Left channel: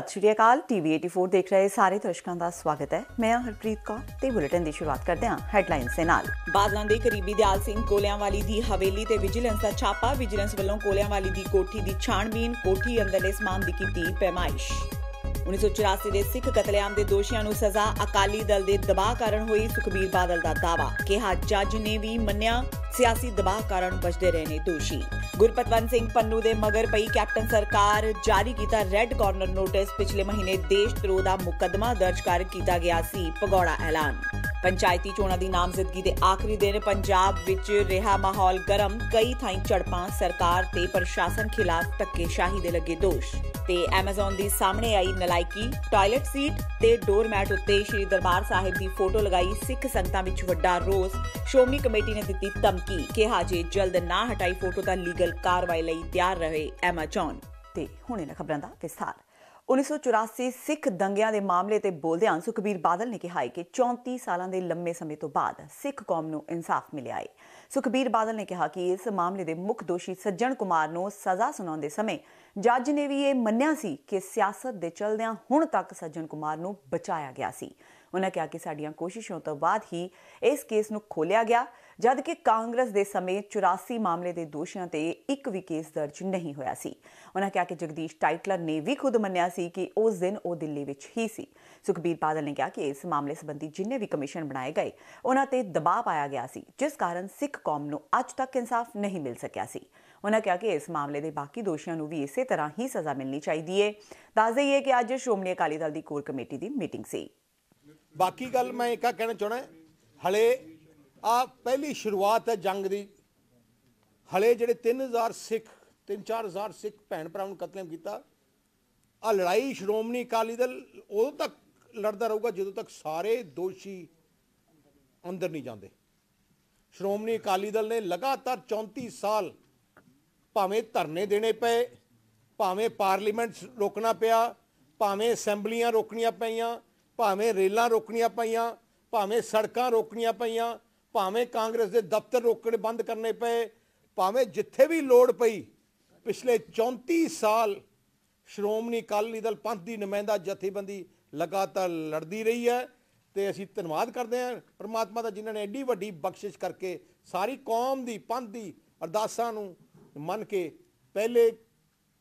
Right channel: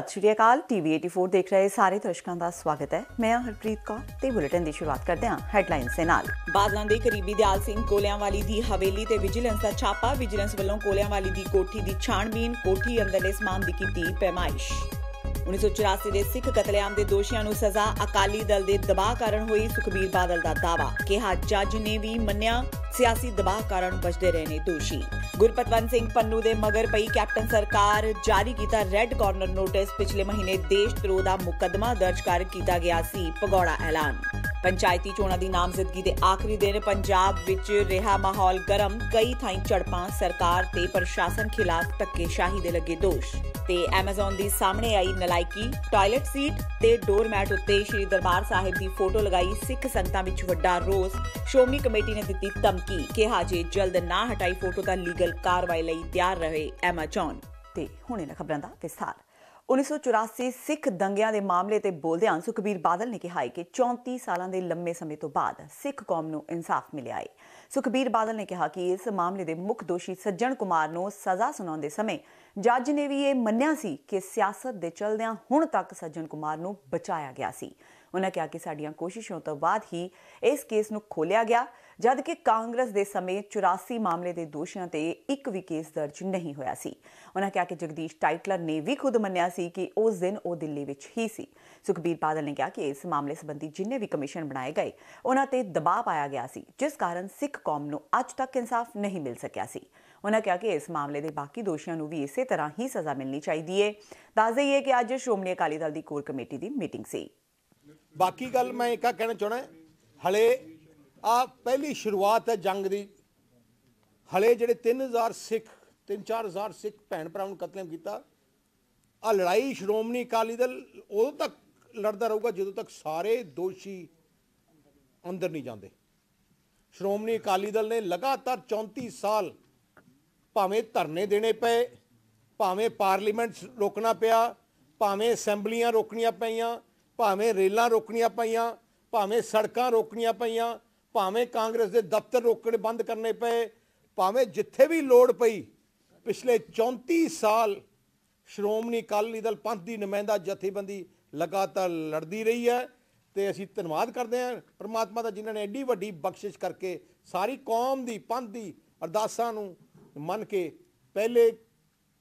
सत श्री अकाल। टीवी 84 देख रहे सारे दर्शकों का स्वागत है। मैं हरप्रीत कौर ते बुलेटिन की शुरुआत करते हैं हैडलाइंस से नाल। बादलों के करीबी दयाल सिंह कोलियांवाली दी हवेली ते विजिलेंस का छापा। विजिलेंस वालों कोलियांवाली दी कोठी दी छाणबीन, कोठी अंदरले समान दी कीती पैमाइश। 1984 ਦੇ ਸਿੱਖ ਕਤਲੇਆਮ ਦੇ ਦੋਸ਼ੀਆਂ ਨੂੰ ਸਜ਼ਾ ਅਕਾਲੀ ਦਲ ਦੇ ਦਬਾਅ ਕਾਰਨ ਹੋਈ। ਸੁਖਬੀਰ ਬਾਦਲ ਦਾ ਦਾਅਵਾ, ਕਿਹਾ ਜੱਜ ਨੇ ਵੀ ਮੰਨਿਆ ਸਿਆਸੀ ਦਬਾਅ ਕਾਰਨ ਬਚਦੇ ਰਹੇ ਨੇ ਦੋਸ਼ੀ। ਗੁਰਪਤਵੰਤ ਸਿੰਘ ਪੰਨੂ ਦੇ ਮਗਰ ਪਈ ਕੈਪਟਨ ਸਰਕਾਰ, ਜਾਰੀ ਕੀਤਾ ਰੈੱਡ ਕਾਰਨਰ ਨੋਟਿਸ। ਪਿਛਲੇ ਮਹੀਨੇ ਦੇਸ਼ ਧਰੋਹ ਦਾ ਮੁਕੱਦਮਾ ਦਰਜ ਕਰ ਕੀਤਾ ਗਿਆ ਸੀ ਭਗੌੜਾ ਐਲਾਨ। ਪੰਚਾਇਤੀ ਚੋਣਾਂ ਦੀ ਨਾਮਜ਼ਦਗੀ ਦੇ ਆਖਰੀ ਦਿਨ ਪੰਜਾਬ ਵਿੱਚ ਰਿਹਾ ਮਾਹੌਲ ਗਰਮ। ਕਈ ਥਾਈਂ ਝੜਪਾਂ, ਸਰਕਾਰ ਤੇ ਪ੍ਰਸ਼ਾਸਨ ਖਿਲਾਫ ਧੱਕੇਸ਼ਾਹੀ ਦੇ ਲੱਗੇ ਦੋਸ਼। ਤੇ ਐਮਾਜ਼ਨ ਦੀ ਸਾਹਮਣੇ ਆਈ ਨਲਾਇਕੀ, ਟਾਇਲਟ ਸੀਟ ਤੇ ਡੋਰਮੈਟ ਉੱਤੇ ਸ਼੍ਰੀ ਦਰਬਾਰ ਸਾਹਿਬ ਦੀ ਫੋਟੋ ਲਗਾਈ। ਸਿੱਖ ਸੰਗਤਾਂ ਵਿੱਚ ਵੱਡਾ ਰੋਸ। ਸ਼੍ਰੋਮਣੀ ਕਮੇਟੀ ਨੇ ਦਿੱਤੀ ਧਮਕੀ, ਕਿਹਾ ਜੇ ਜਲਦ ਨਾ ਹਟਾਈ ਫੋਟੋ ਤਾਂ ਲੀਗਲ ਕਾਰਵਾਈ ਲਈ ਤਿਆਰ ਰਹੇ ਐਮਾਜ਼ਨ। ਤੇ ਹੁਣ ਇਹਨਾਂ ਖਬਰਾਂ ਦਾ ਵਿਸਥਾਰ। 1984 ਸਿੱਖ ਦੰਗਿਆਂ ਦੇ ਮਾਮਲੇ ਤੇ ਬੋਲਦਿਆਂ ਸੁਖਬੀਰ ਬਾਦਲ ਨੇ ਕਿਹਾ ਕਿ 34 ਸਾਲਾਂ ਦੇ ਲੰਮੇ ਸਮੇਂ ਤੋਂ ਬਾਅਦ ਸਿੱਖ ਕੌਮ ਨੂੰ ਇਨਸਾਫ ਮਿਲਿਆ ਹੈ। ਸੁਖਬੀਰ ਬਾਦਲ ਨੇ ਕਿਹਾ ਕਿ ਇਸ ਮਾਮਲੇ ਦੇ ਮੁੱਖ ਦੋਸ਼ੀ ਸੱਜਣ ਕੁਮਾਰ ਨੂੰ ਸਜ਼ਾ ਸੁਣਾਉਂਦੇ ਸਮੇਂ ਜੱਜ ਨੇ ਵੀ ਇਹ ਮੰਨਿਆ ਸੀ ਕਿ ਸਿਆਸਤ ਦੇ ਚਲਦਿਆਂ ਹੁਣ ਤੱਕ ਸੱਜਣ ਕੁਮਾਰ ਨੂੰ ਬਚਾਇਆ ਗਿਆ ਸੀ। ਉਹਨਾਂ ਕਿਹਾ ਕਿ ਸਾਡੀਆਂ ਕੋਸ਼ਿਸ਼ਾਂ ਤੋਂ ਬਾਅਦ ਹੀ ਇਸ ਕੇਸ ਨੂੰ ਖੋਲਿਆ ਗਿਆ, ਜਦਕਿ ਕਾਂਗਰਸ ਦੇ ਸਮੇਂ 84 ਮਾਮਲੇ ਦੇ ਦੋਸ਼ੀਆਂ ਤੇ ਇੱਕ ਵੀ ਕੇਸ ਦਰਜ ਨਹੀਂ ਹੋਇਆ ਸੀ। ਉਹਨਾਂ ਕਿਹਾ ਕਿ ਜਗਦੀਸ਼ ਟਾਈਟਲਰ ਨੇ ਵੀ ਖੁਦ ਮੰਨਿਆ ਸੀ ਕਿ ਉਸ ਦਿਨ ਉਹ ਦਿੱਲੀ ਵਿੱਚ ਹੀ ਸੀ। ਸੁਖਬੀਰ ਬਾਦਲ ਨੇ ਕਿਹਾ ਕਿ ਇਸ ਮਾਮਲੇ ਸੰਬੰਧੀ ਜਿੰਨੇ ਵੀ ਕਮਿਸ਼ਨ ਬਣਾਏ ਗਏ ਉਹਨਾਂ ਤੇ ਦਬਾਅ ਪਾਇਆ ਗਿਆ ਸੀ, ਜਿਸ ਕਾਰਨ ਸਿੱਖ ਕੌਮ ਨੂੰ ਅੱਜ ਤੱਕ ਇਨਸਾਫ ਨਹੀਂ ਮਿਲ ਸਕਿਆ ਸੀ। ਉਹਨਾਂ ਕਿਹਾ ਕਿ ਇਸ ਮਾਮਲੇ ਦੇ ਬਾਕੀ ਦੋਸ਼ੀਆਂ ਨੂੰ ਵੀ ਇਸੇ ਤਰ੍ਹਾਂ ਹੀ ਸਜ਼ਾ ਮਿਲਣੀ ਚਾਹੀਦੀ ਹੈ। ਦੱਸ ਦੇਈਏ ਕਿ ਅੱਜ ਸ਼੍ਰੋਮਣੀ ਅਕਾਲੀ ਦਲ ਦੀ ਕੋਰ ਕਮੇਟੀ ਦੀ ਮੀਟਿੰਗ ਸੀ। बाकी गल मैं एक कहना चाहना, हले आ पहली शुरुआत है जंग दी। हले जिहड़े 3-4 सिख भैन भरावां नूं कतलेआम कीता, आ लड़ाई श्रोमणी अकाली दल उदों तक लड़दा रहूगा जदों तक सारे दोषी अंदर नहीं जाते। श्रोमणी अकाली दल ने लगातार 34 साल भावें धरने देने पे, भावें पार्लीमेंट रोकना पिया, भावें असैंबलियां रोकनियां पईयां, भावें रेलां रोकनियां पईयां, भावें सड़कां रोकनियां पईयां, भावें कांग्रेस के दफ्तर रोकने बंद करने पे, भावें जिथे भी लोड़ पई। पिछले 34 साल श्रोमणी अकाली दल पंथ की नुमाइंदा जथेबंदी लगातार लड़ती रही है। तो असीं धन्नवाद करते हैं परमात्मा का, जिन्होंने एड्डी वड्डी बख्शिश करके सारी कौम की पंथ की अरदासां नूं मन के पहले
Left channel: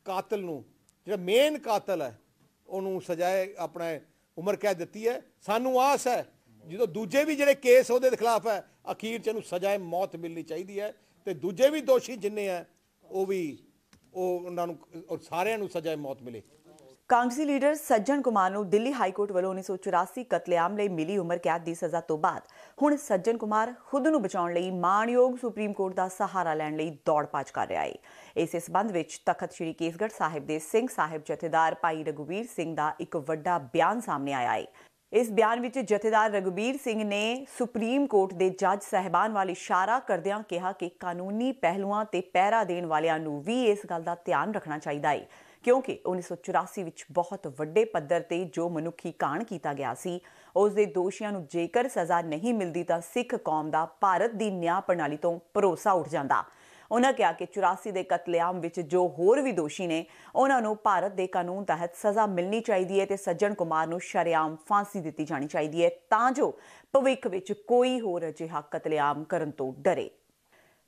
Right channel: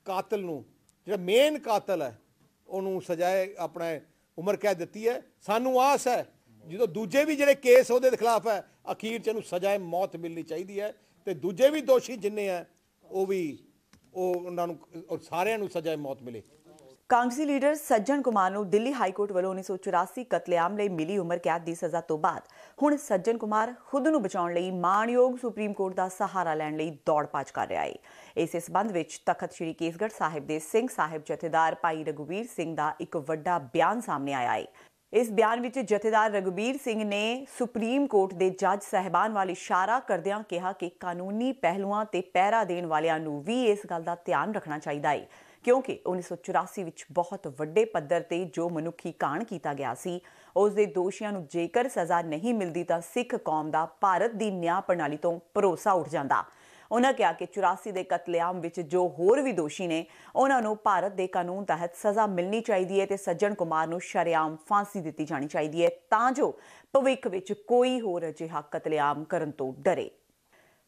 कातल नूं, जिहड़ा मेन कातल है उन्होंने सजाए अपना उम्र कैद दी है। सानू आस है जो दूजे भी जिहड़े केस उहदे खिलाफ है अखीर च इहनूं सजाए मौत मिलनी चाहिए है। तो दूजे भी दोषी जिन्ने हैं वो भी उन्हां नूं सारिआं नूं सजाए मौत मिले। ਕਾਂਗਰਸੀ ਲੀਡਰ ਸੱਜਣ ਕੁਮਾਰ ਨੂੰ ਦਿੱਲੀ ਹਾਈ ਕੋਰਟ ਵੱਲੋਂ 1984 ਕਤਲੇਆਮ ਲਈ ਮਿਲੀ ਉਮਰ ਕੈਦ ਦੀ ਸਜ਼ਾ ਤੋਂ ਬਾਅਦ ਹੁਣ ਸੱਜਣ ਕੁਮਾਰ ਖੁਦ ਨੂੰ ਬਚਾਉਣ ਲਈ ਮਾਣਯੋਗ ਸੁਪਰੀਮ ਕੋਰਟ ਦਾ ਸਹਾਰਾ ਲੈਣ ਲਈ ਦੌੜ ਭੱਜ ਕਰ ਰਿਹਾ ਹੈ। ਇਸੇ ਸਬੰਧ ਵਿੱਚ ਤਖਤ ਸ੍ਰੀ ਕੇਸਗੜ੍ਹ ਸਾਹਿਬ ਦੇ ਸਿੰਘ ਸਾਹਿਬ ਜਥੇਦਾਰ ਭਾਈ ਰਘੁਵੀਰ ਸਿੰਘ ਦਾ ਇੱਕ ਵੱਡਾ ਬਿਆਨ ਸਾਹਮਣੇ ਆਇਆ ਹੈ। ਇਸ ਬਿਆਨ ਵਿੱਚ ਜਥੇਦਾਰ ਰਘੁਵੀਰ ਸਿੰਘ ਨੇ ਸੁਪਰੀਮ ਕੋਰਟ ਦੇ ਜੱਜ ਸਾਹਿਬਾਨ ਵੱਲ ਇਸ਼ਾਰਾ ਕਰਦਿਆਂ ਕਿਹਾ ਕਿ ਕਾਨੂੰਨੀ ਪਹਿਲੂਆਂ ਤੇ ਪਹਿਰਾ ਦੇਣ ਵਾਲਿਆਂ ਨੂੰ ਵੀ ਇਸ ਗੱਲ ਦਾ ਧਿਆਨ ਰੱਖਣਾ ਚਾਹੀਦਾ ਹੈ, ਕਿਉਂਕਿ 1984 ਵਿੱਚ ਬਹੁਤ ਵੱਡੇ ਪੱਧਰ ਤੇ ਜੋ ਮਨੁੱਖੀ ਕਾਂਡ ਕੀਤਾ ਗਿਆ ਸੀ, ਉਸ ਦੇ ਦੋਸ਼ੀਆਂ ਨੂੰ ਜੇਕਰ ਸਜ਼ਾ ਨਹੀਂ ਮਿਲਦੀ ਤਾਂ ਸਿੱਖ ਕੌਮ ਦਾ ਭਾਰਤ ਦੀ ਨਿਆਂ ਪ੍ਰਣਾਲੀ ਤੋਂ ਭਰੋਸਾ ਉੱਠ ਜਾਂਦਾ। ਉਹਨਾਂ ਕਿਹਾ ਕਿ 84 ਦੇ ਕਤਲੇਆਮ ਵਿੱਚ ਜੋ ਹੋਰ ਵੀ ਦੋਸ਼ੀ ਨੇ ਉਹਨਾਂ ਨੂੰ ਭਾਰਤ ਦੇ ਕਾਨੂੰਨ ਤਹਿਤ ਸਜ਼ਾ ਮਿਲਣੀ ਚਾਹੀਦੀ ਹੈ ਤੇ ਸੱਜਣ ਕੁਮਾਰ ਨੂੰ ਸ਼ਰੇਆਮ ਫਾਂਸੀ ਦਿੱਤੀ ਜਾਣੀ ਚਾਹੀਦੀ ਹੈ ਤਾਂ ਜੋ ਭਵਿੱਖ ਵਿੱਚ ਕੋਈ ਹੋਰ ਅਜਿਹਾ ਕਤਲੇਆਮ ਕਰਨ ਤੋਂ ਡਰੇ।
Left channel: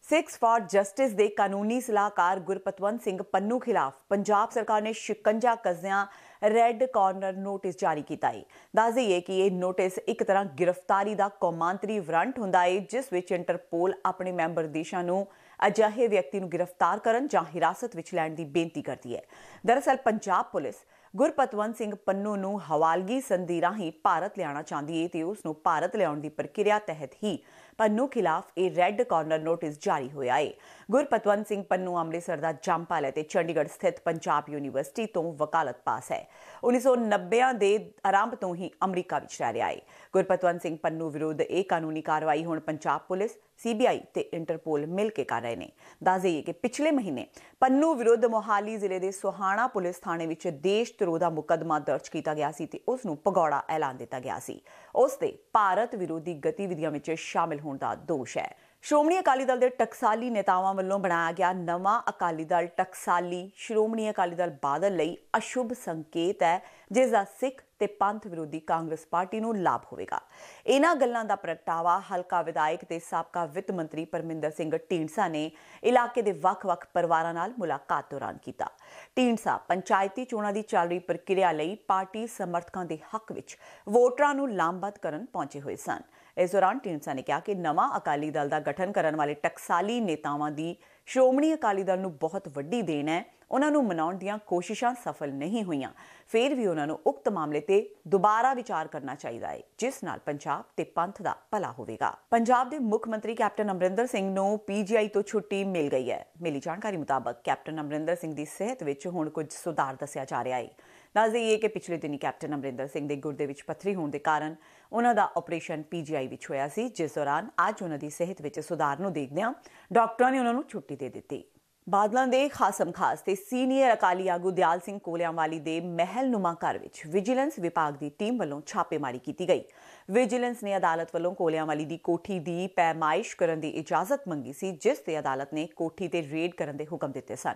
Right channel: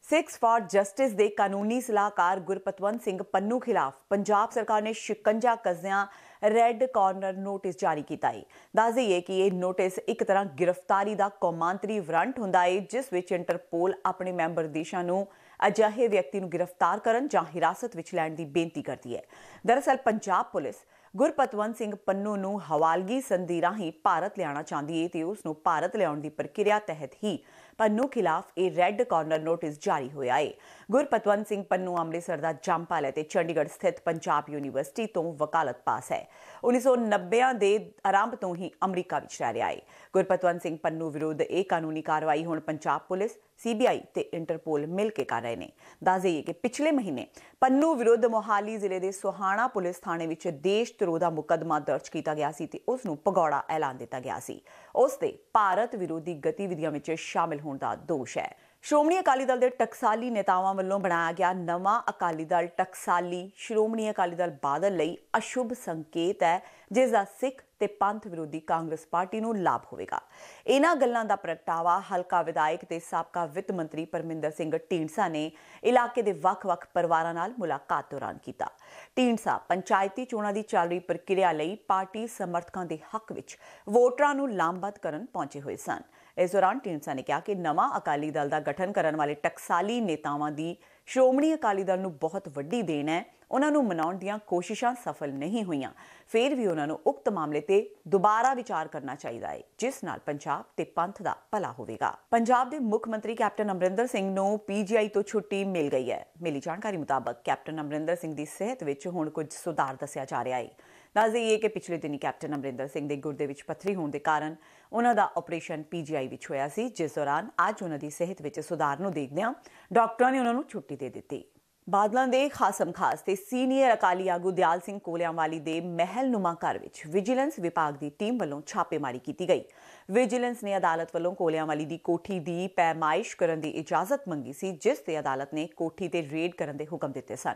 ਸਿੱਖਸ ਫਾਰ ਜਸਟਿਸ ਦੇ ਕਾਨੂੰਨੀ ਸਲਾਹਕਾਰ ਗੁਰਪਤਵੰਤ ਸਿੰਘ ਪੰਨੂ ਖਿਲਾਫ ਪੰਜਾਬ ਸਰਕਾਰ ਨੇ ਸ਼ਿਕੰਜਾ ਕੱਸਿਆਂ ਰੈੱਡ ਕਾਰਨਰ ਨੋਟਿਸ ਜਾਰੀ ਕੀਤਾ ਹੈ। ਦੱਸ ਦੇਈਏ ਕਿ ਇਹ ਨੋਟਿਸ ਇੱਕ ਤਰ੍ਹਾਂ ਗ੍ਰਿਫਤਾਰੀ ਦਾ ਕੌਮਾਂਤਰੀ ਵਾਰੰਟ ਹੁੰਦਾ ਹੈ, ਜਿਸ ਵਿੱਚ ਇੰਟਰਪੋਲ ਆਪਣੇ ਮੈਂਬਰ ਦੇਸ਼ਾਂ ਨੂੰ ਅਜਿਹੇ ਵਿਅਕਤੀ ਨੂੰ ਗ੍ਰਿਫਤਾਰ ਕਰਨ ਜਾਂ ਹਿਰਾਸਤ ਵਿੱਚ ਲੈਣ ਦੀ ਬੇਨਤੀ ਕਰਦੀ ਹੈ। ਦਰਅਸਲ ਪੰਜਾਬ ਪੁਲਿਸ ਗੁਰਪਤਵੰਤ ਸਿੰਘ ਪੰਨੂ ਨੂੰ ਹਵਾਲਗੀ ਸੰਧੀ ਰਾਹੀਂ ਭਾਰਤ ਲਿਆਉਣਾ ਚਾਹੁੰਦੀ ਹੈ ਤੇ ਉਸ ਨੂੰ ਭਾਰਤ ਲਿਆਉਣ ਦੀ ਪ੍ਰਕਿਰਿਆ ਤਹਿਤ ਹੀ ਪੰਨੂ ਖਿਲਾਫ ਇਹ ਰੈੱਡ ਕਾਰਨਰ ਨੋਟਿਸ ਜਾਰੀ ਹੋਇਆ ਹੈ। ਗੁਰਪਤਵੰਤ ਸਿੰਘ ਪੰਨੂ ਅੰਮ੍ਰਿਤਸਰ ਦਾ ਜੰਮਪਲ ਹੈ ਤੇ ਚੰਡੀਗੜ੍ਹ ਸਥਿਤ ਪੰਜਾਬ ਯੂਨੀਵਰਸਿਟੀ ਤੋਂ ਵਕਾਲਤ ਪਾਸ ਹੈ। 1990 ਦੇ ਆਰੰਭ ਤੋਂ ਹੀ ਅਮਰੀਕਾ ਵਿੱਚ ਰਹਿ ਰਿਹਾ ਹੈ। ਗੁਰਪਤਵੰਤ ਸਿੰਘ ਪੰਨੂ ਵਿਰੁੱਧ ਇਹ ਕਾਨੂੰਨੀ ਕਾਰਵਾਈ ਹੁਣ ਪੰਜਾਬ ਪੁਲਿਸ, CBI ਤੇ ਇੰਟਰਪੋਲ ਮਿਲ ਕੇ ਕਰ ਰਹੇ ਨੇ। ਦੱਸ ਦੇਈਏ ਕਿ ਪਿਛਲੇ ਮਹੀਨੇ ਪੰਨੂ ਵਿਰੁੱਧ ਮੋਹਾਲੀ ਜ਼ਿਲ੍ਹੇ ਦੇ ਸੋਹਾਣਾ ਪੁਲਿਸ ਥਾਣੇ ਵਿੱਚ ਦੇਸ਼ ਧਰੋਹ ਦਾ ਮੁਕੱਦਮਾ ਦਰਜ ਕੀਤਾ ਗਿਆ ਸੀ ਤੇ ਉਸ ਨੂੰ ਭਗੌੜਾ ਐਲਾਨ ਦਿੱਤਾ ਗਿਆ ਸੀ। ਉਸ ਤੇ ਭਾਰਤ ਵਿਰੋਧੀ ਗਤੀਵਿਧੀਆਂ ਵਿੱਚ ਸ਼ਾਮਿਲ ਹੋਣ ਦਾ ਦੋਸ਼ ਹੈ। ਸ਼੍ਰੋਮਣੀ ਅਕਾਲੀ ਦਲ ਦੇ ਟਕਸਾਲੀ ਨੇਤਾਵਾਂ ਵੱਲੋਂ ਬਣਾਇਆ ਗਿਆ ਨਵਾਂ ਅਕਾਲੀ ਦਲ ਟਕਸਾਲੀ ਸ਼੍ਰੋਮਣੀ ਅਕਾਲੀ ਦਲ ਬਾਦਲ ਲਈ ਅਸ਼ੁਭ ਸੰਕੇਤ ਹੈ, ਜਿਸ ਦਾ ਸਿੱਖ ਤੇ ਪੰਥ ਵਿਰੋਧੀ ਕਾਂਗਰਸ ਪਾਰਟੀ ਨੂੰ ਲਾਭ ਹੋਵੇਗਾ। ਇਹਨਾਂ ਗੱਲਾਂ ਦਾ ਪ੍ਰਗਟਾਵਾ ਹਲਕਾ ਵਿਧਾਇਕ ਤੇ ਸਾਬਕਾ ਵਿੱਤ ਮੰਤਰੀ ਪਰਮਿੰਦਰ ਸਿੰਘ ਢੀਂਡਸਾ ਨੇ ਇਲਾਕੇ ਦੇ ਵੱਖ-ਵੱਖ ਪਰਿਵਾਰਾਂ ਨਾਲ ਮੁਲਾਕਾਤ ਦੌਰਾਨ ਕੀਤਾ। ਢੀਂਡਸਾ ਪੰਚਾਇਤੀ ਚੋਣਾਂ ਦੀ ਚੱਲ ਰਹੀ ਪ੍ਰਕਿਰਿਆ ਲਈ ਪਾਰਟੀ ਸਮਰਥਕਾਂ ਦੇ ਹੱਕ ਵਿੱਚ ਵੋਟਰਾਂ ਨੂੰ ਲਾਮਬੱਧ ਕਰਨ ਪਹੁੰਚੇ ਹੋਏ ਸਨ। ਇਸ ਦੌਰਾਨ ਢੀਂਡਸਾ ਨੇ ਕਿਹਾ ਕਿ ਨਵਾਂ ਅਕਾਲੀ ਦਲ ਦਾ ਗਠਨ ਕਰਨ ਵਾਲੇ ਟਕਸਾਲੀ ਨੇਤਾਵਾਂ ਦੀ ਸ਼੍ਰੋਮਣੀ ਅਕਾਲੀ ਦਲ ਨੂੰ ਬਹੁਤ ਵੱਡੀ ਦੇਣ ਹੈ। ਉਹਨਾਂ ਨੂੰ ਮਨਾਉਣ ਦੀਆਂ ਕੋਸ਼ਿਸ਼ਾਂ ਸਫਲ ਨਹੀਂ ਹੋਈਆਂ, ਫਿਰ ਵੀ ਉਹਨਾਂ ਨੂੰ ਉਕਤ ਮਾਮਲੇ ਤੇ ਦੁਬਾਰਾ ਵਿਚਾਰ ਕਰਨਾ ਚਾਹੀਦਾ ਹੈ, ਜਿਸ ਨਾਲ ਪੰਜਾਬ ਤੇ ਪੰਥ ਦਾ ਭਲਾ ਹੋਵੇਗਾ। ਪੰਜਾਬ ਦੇ ਮੁੱਖ ਮੰਤਰੀ ਕੈਪਟਨ ਅਮਰਿੰਦਰ ਸਿੰਘ ਨੂੰ ਪੀਜੀਆਈ ਤੋਂ ਛੁੱਟੀ ਮਿਲ ਗਈ ਹੈ। ਮਿਲੀ ਜਾਣਕਾਰੀ ਮੁਤਾਬਕ ਕੈਪਟਨ ਅਮਰਿੰਦਰ ਸਿੰਘ ਦੀ ਸਿਹਤ ਵਿੱਚ ਹੁਣ ਕੁਝ ਸੁਧਾਰ ਦੱਸਿਆ ਜਾ ਰਿਹਾ ਹੈ। ਦੱਸ ਦੇਈਏ ਕਿ ਪਿਛਲੇ ਦਿਨੀ ਕੈਪਟਨ ਅਮਰਿੰਦਰ ਸਿੰਘ ਦੇ ਗੁਰਦੇ ਵਿੱਚ ਪੱਥਰੀ ਹੋਣ ਦੇ ਕਾਰਨ ਉਹਨਾਂ ਦਾ ਆਪਰੇਸ਼ਨ ਪੀਜੀਆਈ ਵਿੱਚ ਹੋਇਆ ਸੀ, ਜਿਸ ਦੌਰਾਨ ਅੱਜ ਉਹਨਾਂ ਦੀ ਸਿਹਤ ਵਿੱਚ ਸੁਧਾਰ ਨੂੰ ਦੇਖਦਿਆਂ ਡਾਕਟਰਾਂ ਨੇ ਉਹਨਾਂ ਨੂੰ ਛੁੱਟੀ ਦੇ ਦਿੱਤੀ। ਬਾਦਲਾਂ ਦੇ ਖਾਸਮ ਖਾਸ ਤੇ ਸੀਨੀਅਰ ਅਕਾਲੀ ਆਗੂ ਦਿਆਲ ਸਿੰਘ ਕੋਲਿਆਂਵਾਲੀ ਦੇ ਮਹਿਲਨੁਮਾ ਘਰ ਵਿੱਚ ਵਿਜੀਲੈਂਸ ਵਿਭਾਗ ਦੀ ਟੀਮ ਵੱਲੋਂ ਛਾਪੇਮਾਰੀ ਕੀਤੀ ਗਈ। ਵਿਜੀਲੈਂਸ ਨੇ ਅਦਾਲਤ ਵੱਲੋਂ ਕੋਲਿਆਂਵਾਲੀ ਦੀ ਕੋਠੀ ਦੀ ਪੈਮਾਇਸ਼ ਕਰਨ ਦੀ ਇਜਾਜ਼ਤ ਮੰਗੀ ਸੀ, ਜਿਸ ਤੇ ਅਦਾਲਤ ਨੇ ਕੋਠੀ ਤੇ ਰੇਡ ਕਰਨ ਦੇ ਹੁਕਮ ਦਿੱਤੇ ਸਨ।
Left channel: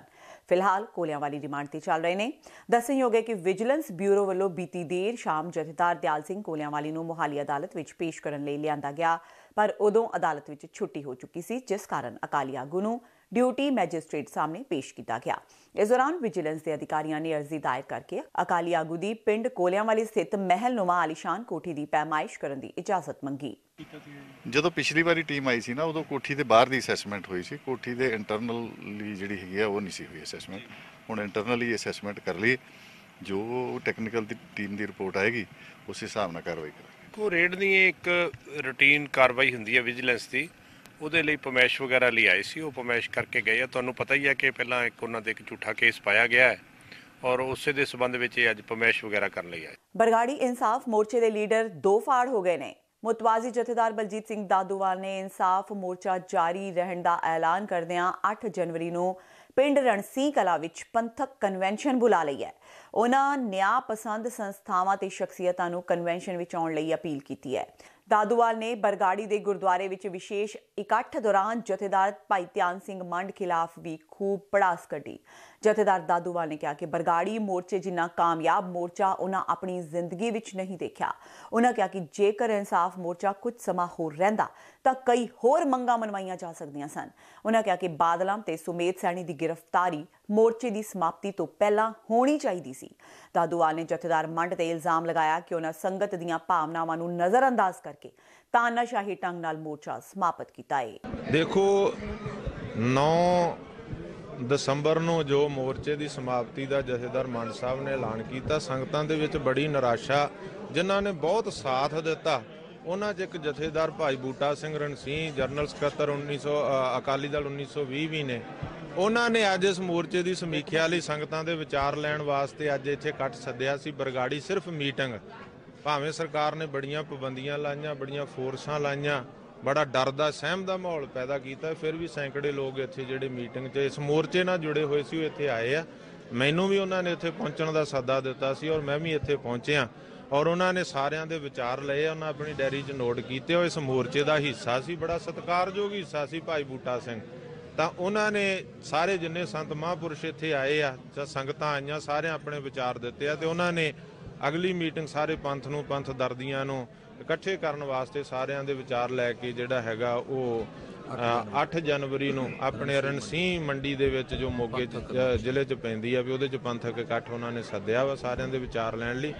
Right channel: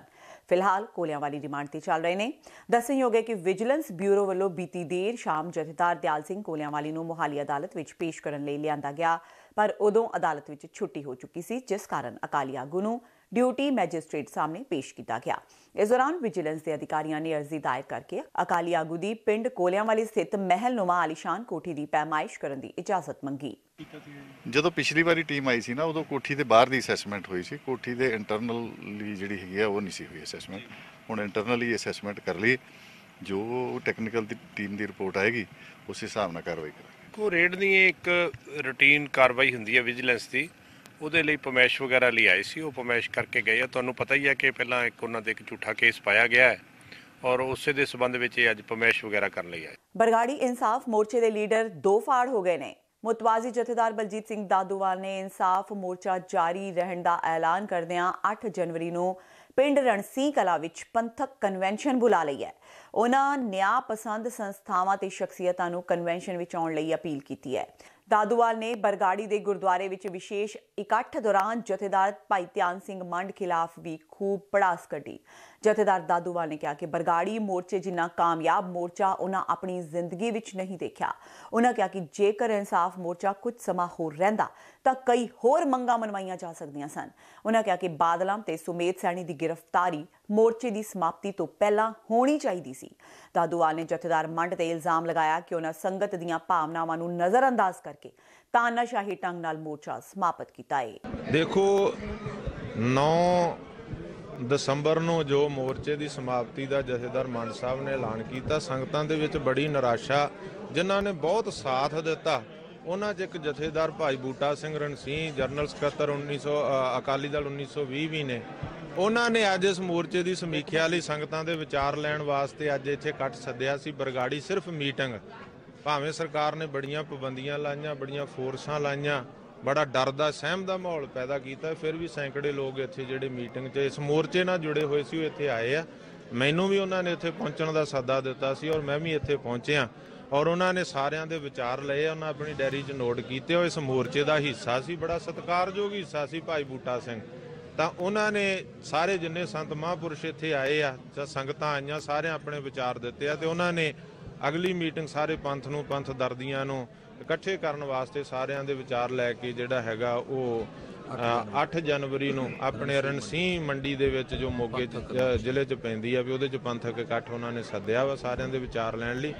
ਫਿਲਹਾਲ ਕੋਲਿਆਂਵਾਲੀ ਰਿਮਾਂਡ ਤੇ ਚੱਲ ਰਹੇ ਨੇ। ਦੱਸਣਯੋਗ ਹੈ ਕਿ ਵਿਜੀਲੈਂਸ ਬਿਊਰੋ ਵੱਲੋਂ ਬੀਤੀ ਦੇਰ ਸ਼ਾਮ ਜਥੇਦਾਰ ਦਿਆਲ ਸਿੰਘ ਕੋਲਿਆਂਵਾਲੀ ਨੂੰ ਮੁਹਾਲੀ ਅਦਾਲਤ ਵਿੱਚ ਪੇਸ਼ ਕਰਨ ਲਈ ਲਿਆਂਦਾ ਗਿਆ, ਪਰ ਉਦੋਂ ਅਦਾਲਤ ਵਿੱਚ ਛੁੱਟੀ ਹੋ ਚੁੱਕੀ ਸੀ, ਜਿਸ ਕਾਰਨ ਅਕਾਲੀ ਆਗੂ ਨੂੰ ਡਿਊਟੀ ਮੈਜਿਸਟ੍ਰੇਟ ਸਾਹਮਣੇ ਪੇਸ਼ ਕੀਤਾ ਗਿਆ। ਇਸ ਦੌਰਾਨ ਵਿਜੀਲੈਂਸ ਦੇ ਅਧਿਕਾਰੀਆਂ ਨੇ ਅਰਜ਼ੀ ਦਾਇਰ ਕਰਕੇ ਅਕਾਲੀ ਆਗੂ ਦੀ ਪਿੰਡ ਕੋਲਿਆਂਵਾਲੀ ਸਥਿਤ ਮਹਿਲਨੁਮਾ ਆਲੀਸ਼ਾਨ ਕੋਠੀ ਦੀ ਪੈਮਾਇਸ਼ ਕਰਨ ਦੀ ਇਜਾਜ਼ਤ ਮੰਗੀ। ਜਦੋਂ ਪਿਛਲੀ ਵਾਰੀ ਟੀਮ ਆਈ ਸੀ ਨਾ, ਉਦੋਂ ਕੋਠੀ ਦੇ ਬਾਹਰ ਦੀ ਅਸੈਸਮੈਂਟ ਹੋਈ ਸੀ। ਕੋਠੀ ਦੇ ਇੰਟਰਨਲੀ ਜਿਹੜੀ ਹੈਗੀ ਆ ਉਹ ਨਹੀਂ ਸੀ ਹੋਈ ਅਸੈਸਮੈਂਟ। ਹੁਣ ਇੰਟਰਨਲੀ ਅਸੈਸਮੈਂਟ ਕਰ ਲਈ, ਜੋ ਟੈਕਨੀਕਲ ਦੀ ਟੀਮ ਦੀ ਰਿਪੋਰਟ ਆਏਗੀ ਉਸ ਹਿਸਾਬ ਨਾਲ ਕਾਰਵਾਈ ਕਰਾਂਗੇ। ਉਹ ਰੇਡ ਦੀ ਇੱਕ ਰੂਟੀਨ ਕਾਰਵਾਈ ਹੁੰਦੀ ਹੈ ਵਿਜੀਲੈਂਸ ਦੀ, ਉਹਦੇ ਲਈ ਪਮੈਸ਼ ਵਗੈਰਾ ਲਈ ਆਏ ਸੀ। ਉਹ ਪਮੈਸ਼ ਕਰਕੇ ਗਏ ਆ। ਤੁਹਾਨੂੰ ਪਤਾ ਹੀ ਹੈ ਕਿ ਪਹਿਲਾਂ ਉਹਨਾਂ ਦੇ ਇੱਕ ਝੂਠਾ ਕੇਸ ਪਾਇਆ ਗਿਆ ਹੈ ਔਰ ਉਸੇ ਦੇ ਸਬੰਧ ਵਿੱਚ ਇਹ ਅੱਜ ਪਮੈਸ਼ ਵਗੈਰਾ ਕਰਨ ਲਈ ਆਏ। ਬਰਗਾੜੀ ਇਨਸਾਫ ਮੋਰਚੇ ਦੇ ਲੀਡਰ ਦੋ ਫਾੜ ਹੋ ਗਏ ਨੇ। ਮੁਤਵਾਜ਼ੀ ਜਥੇਦਾਰ ਬਲਜੀਤ ਸਿੰਘ ਦਾਦੂਵਾਲ ਨੇ ਇਨਸਾਫ ਮੋਰਚਾ ਜਾਰੀ ਰਹਿਣ ਦਾ ਐਲਾਨ ਕਰਦਿਆਂ 8 ਜਨਵਰੀ ਨੂੰ ਪਿੰਡ ਰਣਸੀਂਹ ਕਲਾਂ ਵਿੱਚ ਪੰਥਕ ਕਨਵੈਨਸ਼ਨ ਬੁਲਾ ਲਈ ਹੈ। ਉਹਨਾਂ ਨਿਆਂ ਪਸੰਦ ਸੰਸਥਾਵਾਂ ਤੇ ਸ਼ਖਸੀਅਤਾਂ ਨੂੰ ਕਨਵੈਨਸ਼ਨ ਵਿੱਚ ਆਉਣ ਲਈ ਅਪੀਲ ਕੀਤੀ ਹੈ। ਦਾਦੂਵਾਲ ਨੇ ਬਰਗਾੜੀ ਦੇ ਗੁਰਦੁਆਰੇ ਵਿੱਚ ਵਿਸ਼ੇਸ਼ ਇਕੱਠ ਦੌਰਾਨ ਜਥੇਦਾਰ ਭਾਈ ਧਿਆਨ ਸਿੰਘ ਮੰਡ ਖਿਲਾਫ ਵੀ ਖੂਬ ਪੜਾਸ ਕੱਢੀ। ਜਥੇਦਾਰ ਦਾਦੂਵਾਲ ਨੇ ਕਿਹਾ ਕਿ ਬਰਗਾੜੀ ਮੋਰਚੇ ਜਿੰਨਾ ਕਾਮਯਾਬ ਮੋਰਚਾ ਉਹਨਾਂ ਆਪਣੀ ਜ਼ਿੰਦਗੀ ਵਿੱਚ ਨਹੀਂ ਦੇਖਿਆ। ਉਹਨਾਂ ਕਿਹਾ ਕਿ ਜੇਕਰ ਇਨਸਾਫ ਮੋਰਚਾ ਕੁਝ ਸਮਾਂ ਹੋਰ ਰਹਿੰਦਾ ਤਾਂ ਕਈ ਹੋਰ ਮੰਗਾਂ ਮਨਵਾਈਆਂ ਜਾ ਸਕਦੀਆਂ ਸਨ। ਉਹਨਾਂ ਕਿਹਾ ਕਿ ਬਾਦਲਾਂ ਤੇ ਸੁਮੇਧ ਸੈਣੀ ਦੀ ਗ੍ਰਿਫਤਾਰੀ ਮੋਰਚੇ ਦੀ ਸਮਾਪਤੀ ਤੋਂ ਪਹਿਲਾਂ ਹੋਣੀ ਚਾਹੀਦੀ ਸੀ। ਦਾਦੂਵਾਲ ਨੇ ਜਥੇਦਾਰ ਮੰਡ ਤੇ ਇਲਜ਼ਾਮ ਲਗਾਇਆ ਕਿ ਉਹਨਾਂ ਸੰਗਤ ਦੀਆਂ ਭਾਵਨਾਵਾਂ ਨੂੰ ਨਜ਼ਰਅੰਦਾਜ਼ ਕਰਕੇ ਤਾਨਾਸ਼ਾਹੀ ਢੰਗ ਨਾਲ ਮੋਰਚਾ ਸਮਾਪਤ ਕੀਤਾ ਹੈ। ਦੇਖੋ 9 ਦਸੰਬਰ ਨੂੰ ਜੋ ਮੋਰਚੇ ਦੀ ਸਮਾਪਤੀ ਦਾ ਜਥੇਦਾਰ ਮੰਡ ਸਾਹਿਬ ਨੇ ਐਲਾਨ ਕੀਤਾ, ਸੰਗਤਾਂ ਦੇ ਵਿੱਚ ਬੜੀ ਨਿਰਾਸ਼ਾ, ਜਿਨ੍ਹਾਂ ਨੇ ਬਹੁਤ ਸਾਥ ਦਿੱਤਾ ਉਹਨਾਂ 'ਚ ਇੱਕ ਜਥੇਦਾਰ ਭਾਈ ਬੂਟਾ ਸਿੰਘ ਰਣਸੀਂਹ, ਜਨਰਲ ਸਕੱਤਰ ਅਕਾਲੀ ਦਲ 1920 ਵੀ ਨੇ। ਉਹਨਾਂ ਨੇ ਅੱਜ ਇਸ ਮੋਰਚੇ ਦੀ ਸਮੀਖਿਆ ਲਈ ਸੰਗਤਾਂ ਦੇ ਵਿਚਾਰ ਲੈਣ ਵਾਸਤੇ ਅੱਜ ਇੱਥੇ ਇਕੱਠ ਸੱਦਿਆ ਸੀ। ਬਰਗਾੜੀ ਸਿਰਫ ਮੀਟਿੰਗ, ਭਾਵੇਂ ਸਰਕਾਰ ਨੇ ਬੜੀਆਂ ਪਾਬੰਦੀਆਂ ਲਾਈਆਂ, ਬੜੀਆਂ ਫੋਰਸਾਂ ਲਾਈਆਂ, ਬੜਾ ਡਰ ਦਾ ਸਹਿਮ ਦਾ ਮਾਹੌਲ ਪੈਦਾ ਕੀਤਾ, ਫਿਰ ਵੀ ਸੈਂਕੜੇ ਲੋਕ ਇੱਥੇ ਜਿਹੜੇ ਮੀਟਿੰਗ 'ਚ ਇਸ ਮੋਰਚੇ ਨਾਲ ਜੁੜੇ ਹੋਏ ਸੀ ਉਹ ਇੱਥੇ ਆਏ ਆ। ਮੈਨੂੰ ਵੀ ਉਹਨਾਂ ਨੇ ਇੱਥੇ ਪਹੁੰਚਣ ਦਾ ਸੱਦਾ ਦਿੱਤਾ ਸੀ ਔਰ ਮੈਂ ਵੀ ਇੱਥੇ ਪਹੁੰਚਿਆ ਔਰ ਉਹਨਾਂ ਨੇ ਸਾਰਿਆਂ ਦੇ ਵਿਚਾਰ ਲਏ। ਉਹਨਾਂ ਆਪਣੀ ਡਾਇਰੀ 'ਚ ਨੋਟ ਕੀਤੇ। ਉਹ ਇਸ ਮੋਰਚੇ ਦਾ ਹਿੱਸਾ ਸੀ, ਬੜਾ ਸਤਿਕਾਰਯੋਗ ਹਿੱਸਾ ਸੀ ਭਾਈ ਬੂਟਾ ਸਿੰਘ। ਤਾਂ ਉਹਨਾਂ ਨੇ ਸਾਰੇ ਜਿੰਨੇ ਸੰਤ ਮਹਾਂਪੁਰਸ਼ ਇੱਥੇ ਆਏ ਆ ਜਾਂ ਸੰਗਤਾਂ ਆਈਆਂ, ਸਾਰਿਆਂ ਆਪਣੇ ਵਿਚਾਰ ਦਿੱਤੇ ਆ ਤੇ ਉਹਨਾਂ ਨੇ ਅਗਲੀ ਮੀਟਿੰਗ ਸਾਰੇ ਪੰਥ ਨੂੰ, ਪੰਥ ਦਰਦੀਆਂ ਨੂੰ ਇਕੱਠੇ ਕਰਨ ਵਾਸਤੇ ਸਾਰਿਆਂ ਦੇ ਵਿਚਾਰ ਲੈ ਕੇ ਜਿਹੜਾ ਹੈਗਾ ਉਹ 8 ਜਨਵਰੀ ਨੂੰ ਆਪਣੇ ਰਣਸੀਂਹ ਮੰਡੀ ਦੇ ਵਿੱਚ ਜੋ ਮੋਗੇ ਜ਼ਿਲ੍ਹੇ 'ਚ ਪੈਂਦੀ ਆ ਵੀ ਉਹਦੇ 'ਚ ਪੰਥਕ ਇਕੱਠ ਉਹਨਾਂ ਨੇ ਸੱਦਿਆ ਵਾ ਸਾਰਿਆਂ ਦੇ ਵਿਚਾਰ ਲੈਣ ਲਈ।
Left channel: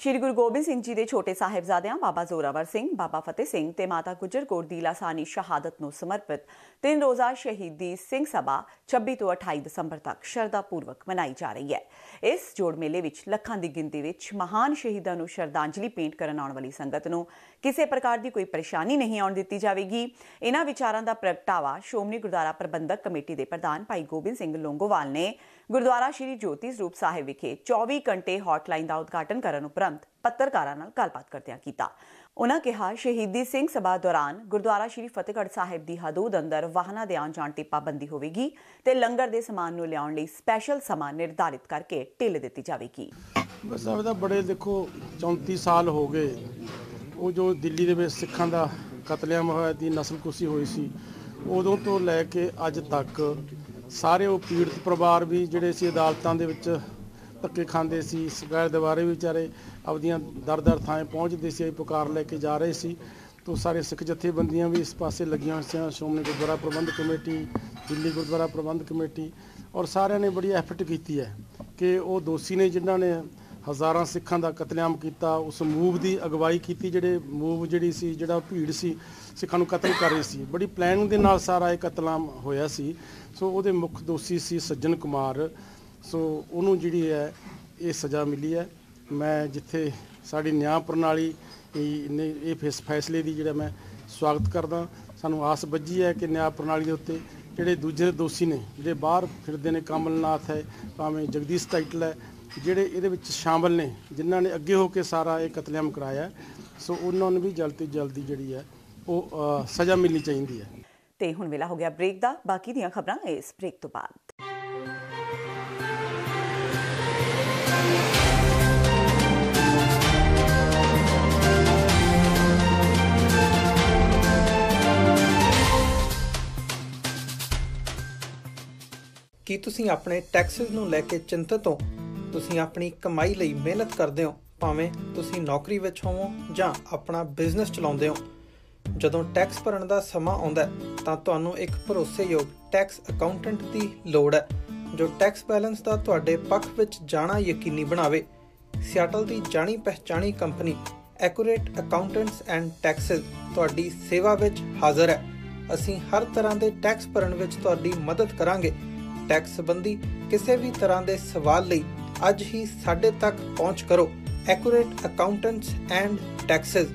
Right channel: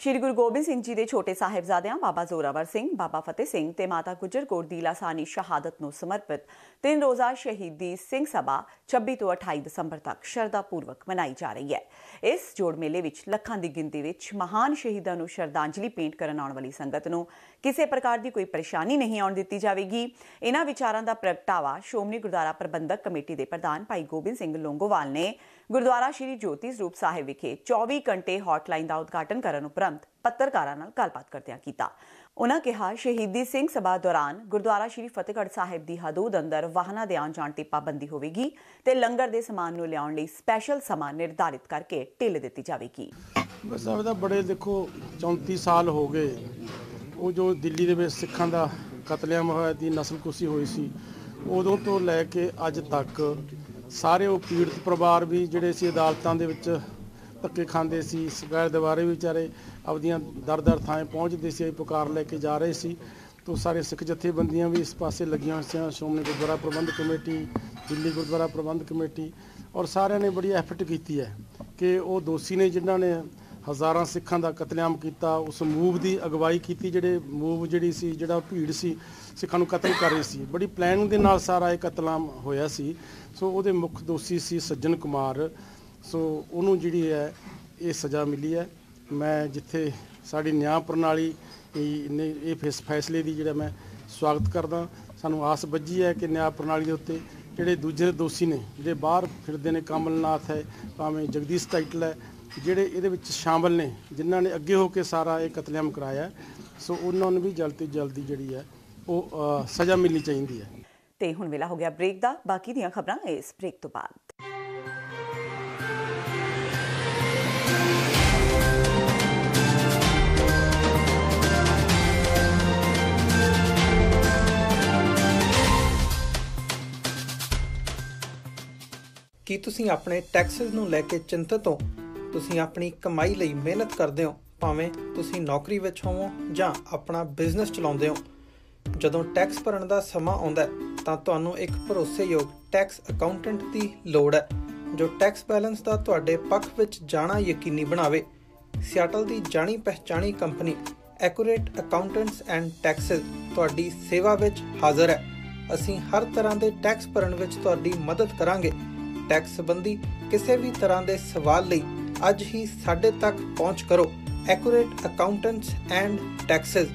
ਸ਼੍ਰੀ ਗੁਰੂ ਗੋਬਿੰਦ ਸਿੰਘ ਜੀ ਦੇ ਛੋਟੇ ਸਾਹਿਬਜ਼ਾਦਿਆਂ ਬਾਬਾ ਜ਼ੋਰਾਵਰ ਸਿੰਘ, ਬਾਬਾ ਫਤਿਹ ਸਿੰਘ ਤੇ ਮਾਤਾ ਗੁਜਰ ਕੌਰ ਦੀ ਲਾਸਾਨੀ ਸ਼ਹਾਦਤ ਨੂੰ ਸਮਰਪਿਤ 3 ਰੋਜ਼ਾ ਸ਼ਹੀਦੀ ਸਿੰਘ ਸਭਾ 26 ਤੋਂ 28 ਦਸੰਬਰ ਤੱਕ ਸ਼ਰਧਾ ਪੂਰਵਕ ਮਨਾਈ ਜਾ ਰਹੀ ਹੈ। ਇਸ ਜੋੜ ਮੇਲੇ ਵਿੱਚ ਲੱਖਾਂ ਦੀ ਗਿਣਤੀ ਵਿੱਚ ਮਹਾਨ ਸ਼ਹੀਦਾਂ ਨੂੰ ਸ਼ਰਧਾਂਜਲੀ ਭੇਂਟ ਕਰਨ ਆਉਣ ਵਾਲੀ ਸੰਗਤ ਨੂੰ ਕਿਸੇ ਪ੍ਰਕਾਰ ਦੀ ਕੋਈ ਪਰੇਸ਼ਾਨੀ ਨਹੀਂ ਆਉਣ ਦਿੱਤੀ ਜਾਵੇਗੀ। ਇਹਨਾਂ ਵਿਚਾਰਾਂ ਦਾ ਪ੍ਰਗਟਾਵਾ ਸ਼੍ਰੋਮਣੀ ਗੁਰਦੁਆਰਾ ਪ੍ਰਬੰਧਕ ਕਮੇਟੀ ਦੇ ਪ੍ਰਧਾਨ ਭਾਈ ਗੋਬਿੰਦ ਸਿੰਘ ਲੋਂਗੋਵਾਲ ਨੇ ਗੁਰਦੁਆਰਾ ਸ਼੍ਰੀ ਜੋਤੀ ਸਰੂਪ ਸਾਹਿਬ ਵਿਖੇ 24 ਘੰਟੇ ਹੌਟਲਾਈਨ ਦਾ ਉਦਘਾਟਨ ਕਰਨ ਉਪਰੰਤ ਪੱਤਰਕਾਰਾਂ ਨਾਲ ਗੱਲਬਾਤ ਕਰਦਿਆਂ ਕੀਤਾ। ਉਨ੍ਹਾਂ ਕਿਹਾ ਸ਼ਹੀਦੀ ਸਿੰਘ ਸਭਾ ਦੌਰਾਨ ਗੁਰਦੁਆਰਾ ਸ਼੍ਰੀ ਫਤਿਹਗੜ੍ਹ ਸਾਹਿਬ ਦੀ ਹਦੂਦ ਅੰਦਰ ਵਾਹਨਾਂ ਦੇ ਆਉਣ ਜਾਣ ਤੇ ਪਾਬੰਦੀ ਹੋਵੇਗੀ ਤੇ ਲੰਗਰ ਦੇ ਸਮਾਨ ਨੂੰ ਲਿਆਉਣ ਲਈ ਸਪੈਸ਼ਲ ਸਮਾਂ ਨਿਰਧਾਰਿਤ ਕਰਕੇ ਢਿੱਲ ਦਿੱਤੀ ਜਾਵੇਗੀ। ਬਸ ਬੜੇ ਦੇਖੋ 34 ਸਾਲ ਹੋ ਗਏ ਉਹ ਜੋ ਦਿੱਲੀ ਦੇ ਵਿੱਚ ਸਿੱਖਾਂ ਦਾ ਕਤਲੇਆਮ ਹੋਇਆ ਦੀ ਨਸਲਕੁਸ਼ੀ ਹੋਈ ਸੀ, ਉਦੋਂ ਤੋਂ ਲੈ ਕੇ ਅੱਜ ਤੱਕ ਸਾਰੇ ਉਹ ਪੀੜਤ ਪਰਿਵਾਰ ਵੀ ਜਿਹੜੇ ਸੀ ਅਦਾਲਤਾਂ ਦੇ ਵਿੱਚ ਧੱਕੇ ਖਾਂਦੇ ਸੀ, ਸਗੈਰ ਦੁਆਰੇ ਵੀ ਵਿਚਾਰੇ ਆਪਦੀਆਂ ਦਰ ਥਾਂ ਪਹੁੰਚਦੇ ਸੀ, ਪੁਕਾਰ ਲੈ ਕੇ ਜਾ ਰਹੇ ਸੀ। ਤੋਂ ਸਾਰੇ ਸਿੱਖ ਜਥੇਬੰਦੀਆਂ ਵੀ ਇਸ ਪਾਸੇ ਲੱਗੀਆਂ ਹੋਈਆਂ ਸੀ, ਸ਼੍ਰੋਮਣੀ ਗੁਰਦੁਆਰਾ ਪ੍ਰਬੰਧਕ ਕਮੇਟੀ, ਦਿੱਲੀ ਗੁਰਦੁਆਰਾ ਪ੍ਰਬੰਧਕ ਕਮੇਟੀ, ਔਰ ਸਾਰਿਆਂ ਨੇ ਬੜੀ ਐਫਰਟ ਕੀਤੀ ਹੈ ਕਿ ਉਹ ਦੋਸ਼ੀ ਨੇ ਜਿਨ੍ਹਾਂ ਨੇ ਹਜ਼ਾਰਾਂ ਸਿੱਖਾਂ ਦਾ ਕਤਲੇਆਮ ਕੀਤਾ, ਉਸ ਮੂਵ ਦੀ ਅਗਵਾਈ ਕੀਤੀ, ਜਿਹੜਾ ਭੀੜ ਸੀ ਸਿੱਖਾਂ ਨੂੰ ਕਤਲ ਕਰ ਰਹੀ ਸੀ, ਬੜੀ ਪਲੈਨਿੰਗ ਦੇ ਨਾਲ ਸਾਰਾ ਇਹ ਕਤਲੇਆਮ ਹੋਇਆ ਸੀ। ਸੋ ਉਹਦੇ ਮੁੱਖ ਦੋਸ਼ੀ ਸੀ ਸੱਜਣ ਕੁਮਾਰ। ਸੋ ਉਹਨੂੰ ਜਿਹੜੀ ਹੈ ਇਹ ਸਜ਼ਾ ਮਿਲੀ ਹੈ। ਮੈਂ ਜਿੱਥੇ ਸਾਡੀ ਨਿਆਂ ਪ੍ਰਣਾਲੀ ਇਹ ਫੈਸਲੇ ਦੀ ਜਿਹੜਾ ਮੈਂ ਸਵਾਗਤ ਕਰਦਾ। ਸਾਨੂੰ ਆਸ ਬੱਝੀ ਹੈ ਕਿ ਨਿਆਂ ਪ੍ਰਣਾਲੀ ਦੇ ਉੱਤੇ ਜਿਹੜੇ ਦੂਜੇ ਦੋਸ਼ੀ ਨੇ ਜਿਹੜੇ ਬਾਹਰ ਫਿਰਦੇ ਨੇ, ਕਮਲਨਾਥ ਹੈ, ਭਾਵੇਂ ਜਗਦੀਸ਼ ਟਾਈਟਲ ਹੈ, ਜਿਹੜੇ ਇਹਦੇ ਵਿੱਚ ਸ਼ਾਮਲ ਨੇ, ਜਿਨ੍ਹਾਂ ਨੇ ਅੱਗੇ ਹੋ ਕੇ ਸਾਰਾ ਇਹ ਕਤਲੇਆਮ ਕਰਾਇਆ, ਸੋ ਉਹਨਾਂ ਨੂੰ ਵੀ ਜਲਦ ਤੋਂ ਜਲਦੀ ਜਿਹੜੀ ਹੈ ਉਹ ਸਜ਼ਾ ਮਿਲਣੀ ਚਾਹੀਦੀ ਹੈ। ਤੇ ਹੁਣ ਵੇਲਾ ਹੋ ਗਿਆ ਬ੍ਰੇਕ ਦਾ। ਬਾਕੀ ਦੀਆਂ ਖਬਰਾਂ ਇਸ ਬ੍ਰੇਕ ਤੋਂ ਬਾਅਦ। ਕੀ ਤੁਸੀਂ ਆਪਣੇ ਟੈਕਸਿਸ ਨੂੰ ਲੈ ਕੇ ਚਿੰਤਤ ਹੋ? ਤੁਸੀਂ ਆਪਣੀ ਕਮਾਈ ਲਈ ਮਿਹਨਤ ਕਰਦੇ ਹੋ, ਭਾਵੇਂ ਤੁਸੀਂ ਨੌਕਰੀ ਵਿੱਚ ਹੋਵੋ ਜਾਂ ਆਪਣਾ ਬਿਜ਼ਨਸ ਚਲਾਉਂਦੇ ਹੋ। ਜਦੋਂ ਟੈਕਸ ਭਰਨ ਦਾ ਸਮਾਂ ਆਉਂਦਾ ਤਾਂ ਤੁਹਾਨੂੰ ਇੱਕ ਭਰੋਸੇਯੋਗ ਟੈਕਸ ਅਕਾਊਂਟੈਂਟ ਦੀ ਲੋੜ ਹੈ ਜੋ ਟੈਕਸ ਬੈਲੈਂਸ ਦਾ ਤੁਹਾਡੇ ਪੱਖ ਵਿੱਚ ਜਾਣਾ ਯਕੀਨੀ ਬਣਾਵੇ। ਸਿਆਟਲ ਦੀ ਜਾਣੀ ਪਛਾਣੀ company accurate accountants and taxes ਤੁਹਾਡੀ ਸੇਵਾ ਵਿੱਚ ਹਾਜ਼ਰ ਹੈ। ਅਸੀਂ ਹਰ ਤਰ੍ਹਾਂ ਦੇ ਟੈਕਸ ਭਰਨ ਵਿੱਚ ਤੁਹਾਡੀ ਮਦਦ ਕਰਾਂਗੇ। ਟੈਕਸ ਸੰਬੰਧੀ ਕਿਸੇ ਵੀ ਤਰ੍ਹਾਂ ਦੇ ਸਵਾਲ ਲਈ ਅੱਜ ਹੀ ਸਾਡੇ ਤੱਕ ਪਹੁੰਚ ਕਰੋ। Accurate accountants and taxes.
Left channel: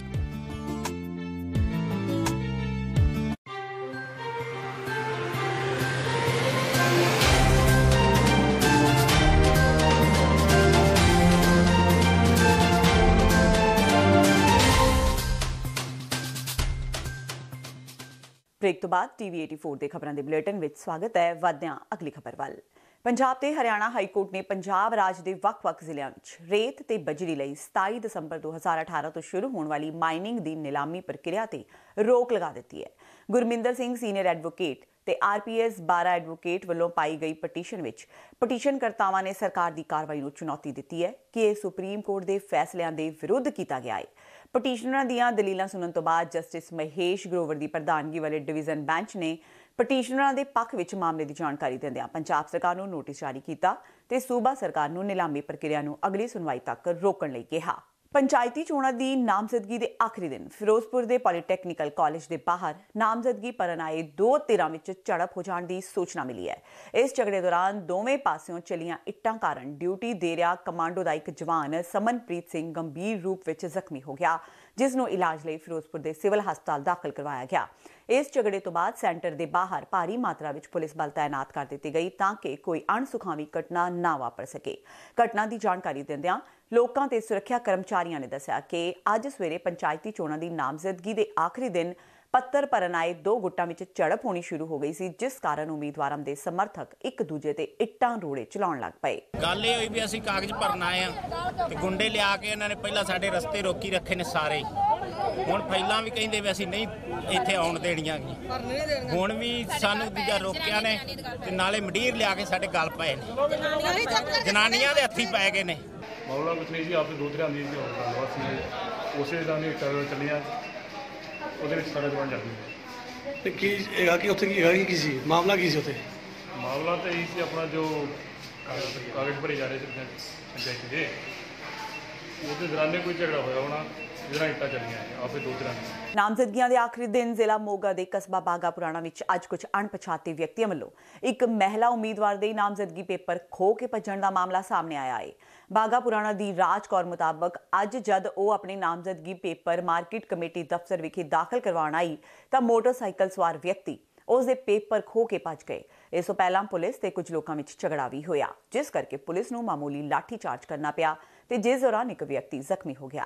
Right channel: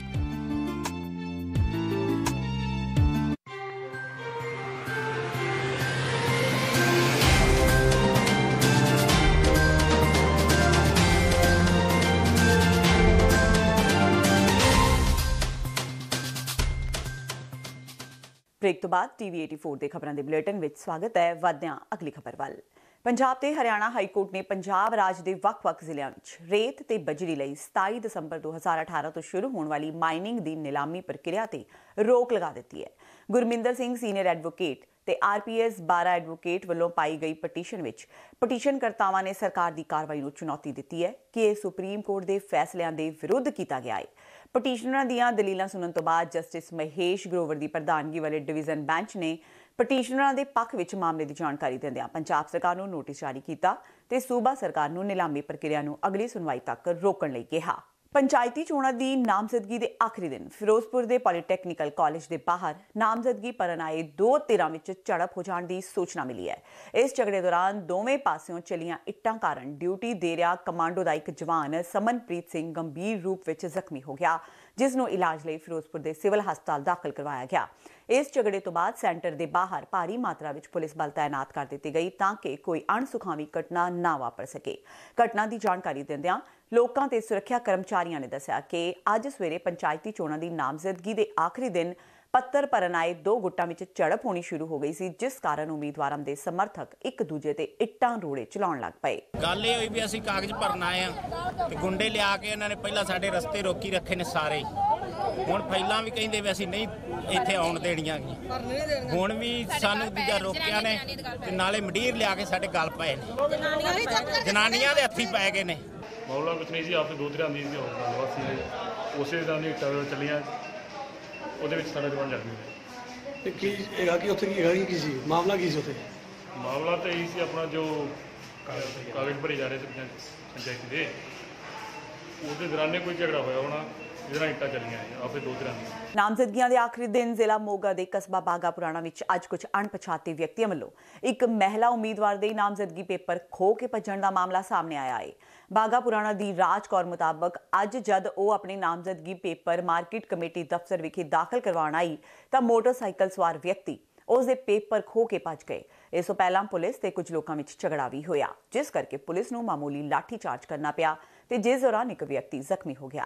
Break ਤੋਂ ਬਾਅਦ TV 84 ਦੇ ਖਬਰਾਂ ਦੇ ਬੁਲੇਟਿਨ ਵਿੱਚ ਸਵਾਗਤ ਹੈ। ਵਧਦਿਆਂ ਅਗਲੀ ਖਬਰ ਵੱਲ। ਪੰਜਾਬ ਤੇ ਹਰਿਆਣਾ ਹਾਈ ਕੋਰਟ ਨੇ ਪੰਜਾਬ ਰਾਜ ਦੇ ਵੱਖ-ਵੱਖ ਜ਼ਿਲ੍ਹਿਆਂ ਵਿੱਚ ਰੇਤ ਤੇ ਬਜਰੀ ਲਈ 27 ਦਸੰਬਰ 2018 ਤੋਂ ਸ਼ੁਰੂ ਹੋਣ ਵਾਲੀ ਮਾਈਨਿੰਗ ਦੀ ਨਿਲਾਮੀ ਪ੍ਰਕਿਰਿਆ ਤੇ ਰੋਕ ਲਗਾ ਦਿੱਤੀ ਹੈ। ਗੁਰਮਿੰਦਰ ਸਿੰਘ ਸੀਨੀਅਰ ਐਡਵੋਕੇਟ ਤੇ RPS 12 ਐਡਵੋਕੇਟ ਵੱਲੋਂ ਪਾਈ ਗਈ ਪਟੀਸ਼ਨ ਵਿੱਚ ਪਟੀਸ਼ਨਕਰਤਾਵਾਂ ਨੇ ਸਰਕਾਰ ਦੀ ਕਾਰਵਾਈ ਨੂੰ ਚੁਣੌਤੀ ਦਿੱਤੀ ਹੈ ਕਿ ਇਹ ਸੁਪਰੀਮ ਕੋਰਟ ਦੇ ਫੈਸਲਿਆਂ ਦੇ ਵਿਰੁੱਧ ਕੀਤਾ ਗਿਆ ਹੈ। ਪਟੀਸ਼ਨਰਾਂ ਦੀਆਂ ਦਲੀਲਾਂ ਸੁਣਨ ਤੋਂ ਬਾਅਦ ਜਸਟਿਸ ਮਹੇਸ਼ ਗਰੋਵਰ ਦੀ ਪ੍ਰਧਾਨਗੀ ਵਾਲੇ ਡਿਵੀਜ਼ਨ ਬੈਂਚ ਨੇ ਪਟੀਸ਼ਨਰਾਂ ਦੇ ਪੱਖ ਵਿੱਚ ਮਾਮਲੇ ਦੀ ਜਾਣਕਾਰੀ ਦਿੰਦਿਆਂ ਪੰਜਾਬ ਸਰਕਾਰ ਨੂੰ ਨੋਟਿਸ ਜਾਰੀ ਕੀਤਾ ਤੇ ਸੂਬਾ ਸਰਕਾਰ ਨੂੰ ਨਿਲਾਮੀ ਪ੍ਰਕਿਰਿਆ ਨੂੰ ਅਗਲੀ ਸੁਣਵਾਈ ਤੱਕ ਰੋਕਣ ਲਈ ਕਿਹਾ। ਪੰਚਾਇਤੀ ਚੋਣਾਂ ਦੀ ਨਾਮਜ਼ਦਗੀ ਦੇ ਆਖਰੀ ਦਿਨ ਫਿਰੋਜ਼ਪੁਰ ਦੇ ਪੋਲੀਟੈਕਨੀਕਲ ਕਾਲਜ ਦੇ ਬਾਹਰ ਨਾਮਜ਼ਦਗੀ ਭਰਨ ਆਏ ਦੋ ਧਿਰਾਂ ਵਿੱਚ ਝੜਪ ਹੋ ਜਾਣ ਦੀ ਸੂਚਨਾ ਮਿਲੀ ਹੈ। ਇਸ ਝਗੜੇ ਦੌਰਾਨ ਦੋਵੇਂ ਪਾਸਿਓਂ ਚੱਲੀਆਂ ਇੱਟਾਂ ਕਾਰਨ ਡਿਊਟੀ ਦੇ ਰਿਹਾ ਕਮਾਂਡੋ ਦਾ ਇੱਕ ਜਵਾਨ ਸਮਨਪ੍ਰੀਤ ਸਿੰਘ ਗੰਭੀਰ ਰੂਪ ਵਿੱਚ ਜ਼ਖਮੀ ਹੋ ਗਿਆ, ਜਿਸ ਨੂੰ ਇਲਾਜ ਲਈ ਫਿਰੋਜ਼ਪੁਰ ਦੇ ਸਿਵਲ ਹਸਪਤਾਲ ਦਾਖਲ ਕਰਵਾਇਆ ਗਿਆ। ਇਸ ਝਗੜੇ ਤੋਂ ਬਾਅਦ ਸੈਂਟਰ ਦੇ ਬਾਹਰ ਭਾਰੀ ਮਾਤਰਾ ਵਿੱਚ ਪੁਲਿਸ ਬਲ ਤਾਇਨਾਤ ਕਰ ਦਿੱਤੀ ਗਈ ਤਾਂ ਕਿ ਕੋਈ ਅਣਸੁਖਾਵੀ ਘਟਨਾ ਨਾ ਵਾਪਰ ਸਕੇ। ਘਟਨਾ ਦੀ ਜਾਣਕਾਰੀ ਦਿੰਦਿਆਂ ਲੋਕਾਂ ਤੇ ਸੁਰੱਖਿਆ ਕਰਮਚਾਰੀਆਂ ਨੇ ਦੱਸਿਆ ਕਿ ਅੱਜ ਸਵੇਰੇ ਪੰਚਾਇਤੀ ਚੋਣਾਂ ਦੀ ਨਾਮਜ਼ਦਗੀ ਦੇ ਆਖਰੀ ਦਿਨ ਪੱਤਰ ਭਰਨ ਆਏ ਦੋ ਗੁੱਟਾਂ ਵਿੱਚ ਝੜਪ ਹੋਣੀ ਸ਼ੁਰੂ ਹੋ ਗਈ ਸੀ, ਜਿਸ ਕਾਰਨ ਉਮੀਦਵਾਰਾਂ ਦੇ ਸਮਰਥਕ ਇੱਕ ਦੂਜੇ ਤੇ ਇੱਟਾਂ ਰੋੜੇ ਚਲਾਉਣ ਲੱਗ ਪਏ। ਗੱਲ ਇਹ ਹੋਈ ਵੀ ਅਸੀਂ ਕਾਗਜ਼ ਭਰਨ ਆਏ ਆ ਤੇ ਗੁੰਡੇ ਲਿਆ ਕੇ ਇਹਨਾਂ ਨੇ ਪਹਿਲਾਂ ਸਾਡੇ ਰਸਤੇ ਰੋਕੀ ਰੱਖੇ ਨੇ ਸਾਰੇ। ਹੁਣ ਪਹਿਲਾਂ ਵੀ ਕਹਿੰਦੇ ਵੀ ਅਸੀਂ ਨਹੀਂ ਇੱਥੇ ਆਉਣ ਦੇਣੀਆਂ, ਹੁਣ ਵੀ ਸਾਨੂੰ ਦੂਜਾ ਰੋਕਿਆ ਨੇ ਤੇ ਨਾਲੇ ਮੰਡੀਰ ਲਿਆ ਕੇ ਸਾਡੇ ਗਲ ਪਏ ਨੇ, ਜਨਾਨੀਆਂ ਦੇ ਹੱਥੀਂ ਪੈ ਗਏ ਨੇ। ਮਾਮਲਾ ਕੁਛ ਨਹੀਂ ਸੀ, ਆਪਦੇ ਦੋ ਧਿਰਾਂ ਦੀ ਗੱਲਬਾਤ ਸੀ, ਉਸੇ ਤਰ੍ਹਾਂ ਦੀ ਟਰੈਵਲ ਚੱਲੀਆਂ, ਉਹਦੇ ਵਿੱਚ ਸਾਡਾ ਜਵਾਨ ਜ਼ਖਮੀ ਹੋਇਆ। ਤੇ ਕੀ ਹੈਗਾ ਕਿ ਉੱਥੇ ਕੀ ਸੀ ਮਾਮਲਾ, ਕੀ ਸੀ ਉੱਥੇ? ਮਾਮਲਾ ਤਾਂ ਇਹ ਸੀ ਆਪਣਾ ਜੋ ਕਾਗਜ਼ ਭਰੇ ਜਾ ਰਹੇ ਸੀ ਪੰਚਾਇਤ ਦੇ, ਉਹਦੇ ਦੌਰਾਨ ਕੋਈ ਝਗੜਾ ਹੋਇਆ ਹੋਣਾ, ਜਿਹੜਾ ਇੱਟਾਂ ਚੱਲੀਆਂ ਆਪਦੇ ਦੋ ਧਿਰਾਂ ਦੀ। ਨਾਮਜ਼ਦਗੀਆਂ ਦੇ ਆਖਰੀ ਦਿਨ ਜ਼ਿਲ੍ਹਾ ਮੋਗਾ ਦੇ ਕਸਬਾ ਬਾਗਾ ਪੁਰਾਣਾ ਵਿੱਚ ਅੱਜ ਕੁਝ ਅਣਪਛਾਤੇ ਵਿਅਕਤੀਆਂ ਵੱਲੋਂ ਇੱਕ ਮਹਿਲਾ ਉਮੀਦਵਾਰ ਦੇ ਨਾਮਜ਼ਦਗੀ ਪੇਪਰ ਖੋਹ ਕੇ ਭੱਜਣ ਦਾ ਮਾਮਲਾ ਸਾਹਮਣੇ ਆਇਆ ਹੈ। ਬਾਗਾ ਪੁਰਾਣਾ ਦੀ ਰਾਜ ਕੌਰ ਮੁਤਾਬਕ ਅੱਜ ਜਦ ਉਹ ਆਪਣੇ ਨਾਮਜ਼ਦਗੀ ਪੇਪਰ ਮਾਰਕੀਟ ਕਮੇਟੀ ਦਫ਼ਤਰ ਵਿਖੇ ਦਾਖਲ ਕਰਵਾਉਣ ਆਈ ਤਾਂ ਮੋਟਰਸਾਈਕਲ ਸਵਾਰ ਵਿਅਕਤੀ ਉਸ ਦੇ ਪੇਪਰ ਖੋਹ ਕੇ ਭੱਜ ਗਏ। ਇਸ ਤੋਂ ਪਹਿਲਾਂ ਪੁਲਿਸ ਤੇ ਕੁਝ ਲੋਕਾਂ ਵਿੱਚ ਝਗੜਾ ਵੀ ਹੋਇਆ, ਜਿਸ ਕਰਕੇ ਪੁਲਿਸ ਨੂੰ ਮਾਮੂਲੀ ਲਾਠੀ ਚਾਰਜ ਕਰਨਾ ਪਿਆ ਤੇ ਜਿਸ ਦੌਰਾਨ ਇੱਕ ਵਿਅਕਤੀ ਜ਼ਖਮੀ ਹੋ ਗਿਆ।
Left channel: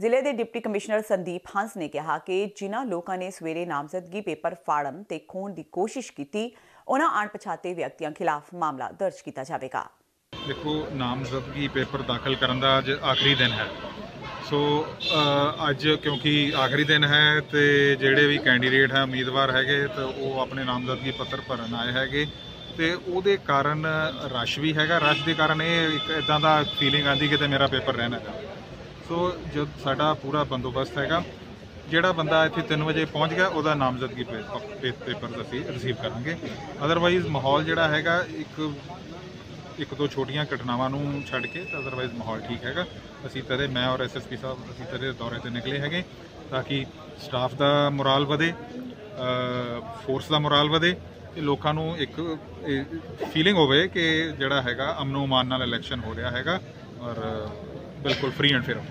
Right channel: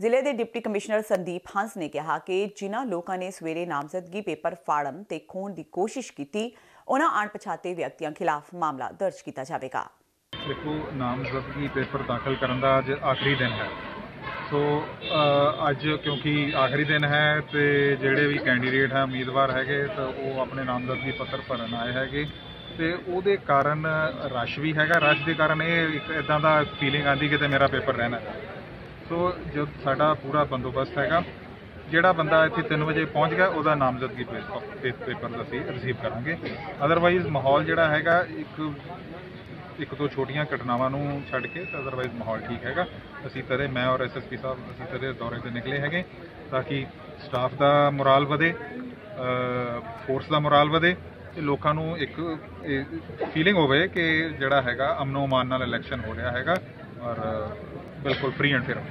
ਜ਼ਿਲ੍ਹੇ ਦੇ ਡਿਪਟੀ ਕਮਿਸ਼ਨਰ ਸੰਦੀਪ ਹੰਸ ਨੇ ਕਿਹਾ ਕਿ ਜਿਨ੍ਹਾਂ ਲੋਕਾਂ ਨੇ ਸਵੇਰੇ ਨਾਮਜ਼ਦਗੀ ਪੇਪਰ ਫਾੜਨ ਤੇ ਖੋਹਣ ਦੀ ਕੋਸ਼ਿਸ਼ ਕੀਤੀ, ਉਹਨਾਂ ਅਣਪਛਾਤੇ ਵਿਅਕਤੀਆਂ ਖਿਲਾਫ ਮਾਮਲਾ ਦਰਜ ਕੀਤਾ ਜਾਵੇਗਾ। ਦੇਖੋ, ਨਾਮਜ਼ਦਗੀ ਪੇਪਰ ਦਾਖਲ ਕਰਨ ਦਾ ਅੱਜ ਆਖਰੀ ਦਿਨ ਹੈ। ਸੋ ਅੱਜ ਕਿਉਂਕਿ ਆਖਰੀ ਦਿਨ ਹੈ ਤੇ ਜਿਹੜੇ ਵੀ ਕੈਂਡੀਡੇਟ ਹੈ ਉਮੀਦਵਾਰ ਹੈਗੇ ਤਾਂ ਉਹ ਆਪਣੇ ਨਾਮਜ਼ਦਗੀ ਪੱਤਰ ਭਰਨ ਆਏ ਹੈਗੇ ਤੇ ਉਹਦੇ ਕਾਰਨ ਰਸ਼ ਵੀ ਹੈਗਾ। ਰਸ਼ ਦੇ ਕਾਰਨ ਇਹ ਇੱਕ ਇੱਦਾਂ ਦਾ ਫੀਲਿੰਗ ਆਉਂਦੀ ਕਿ ਮੇਰਾ ਪੇਪਰ ਰਹਿਣਾ ਚਾਹੀਦਾ। ਸੋ ਜਦ ਸਾਡਾ ਪੂਰਾ ਬੰਦੋਬਸਤ ਹੈਗਾ, ਜਿਹੜਾ ਬੰਦਾ ਇੱਥੇ 3 ਵਜੇ ਪਹੁੰਚ ਗਿਆ ਉਹਦਾ ਨਾਮਜ਼ਦਗੀ ਪੇਪਰ ਅਸੀਂ ਰਿਸੀਵ ਕਰਾਂਗੇ। ਅਦਰਵਾਈਜ਼ ਮਾਹੌਲ ਜਿਹੜਾ ਹੈਗਾ ਇੱਕ ਦੋ ਛੋਟੀਆਂ ਘਟਨਾਵਾਂ ਨੂੰ ਛੱਡ ਕੇ ਤਾਂ ਅਦਰਵਾਈਜ਼ ਮਾਹੌਲ ਠੀਕ ਹੈਗਾ। ਅਸੀਂ ਤੇਰੇ ਮੈਂ ਔਰ SSP ਸਾਹਿਬ ਅਸੀਂ ਤੇਰੇ ਦੌਰੇ 'ਤੇ ਨਿਕਲੇ ਹੈਗੇ ਤਾਂ ਕਿ ਸਟਾਫ ਦਾ ਮੁਰਾਲ ਵਧੇ, ਫੋਰਸ ਦਾ ਮੁਰਾਲ ਵਧੇ ਤੇ ਲੋਕਾਂ ਨੂੰ ਇੱਕ ਫੀਲਿੰਗ ਹੋਵੇ ਕਿ ਜਿਹੜਾ ਹੈਗਾ ਅਮਨੋ ਮਾਨ ਨਾਲ ਇਲੈਕਸ਼ਨ ਹੋ ਰਿਹਾ ਹੈਗਾ ਔਰ ਬਿਲਕੁਲ free and fair.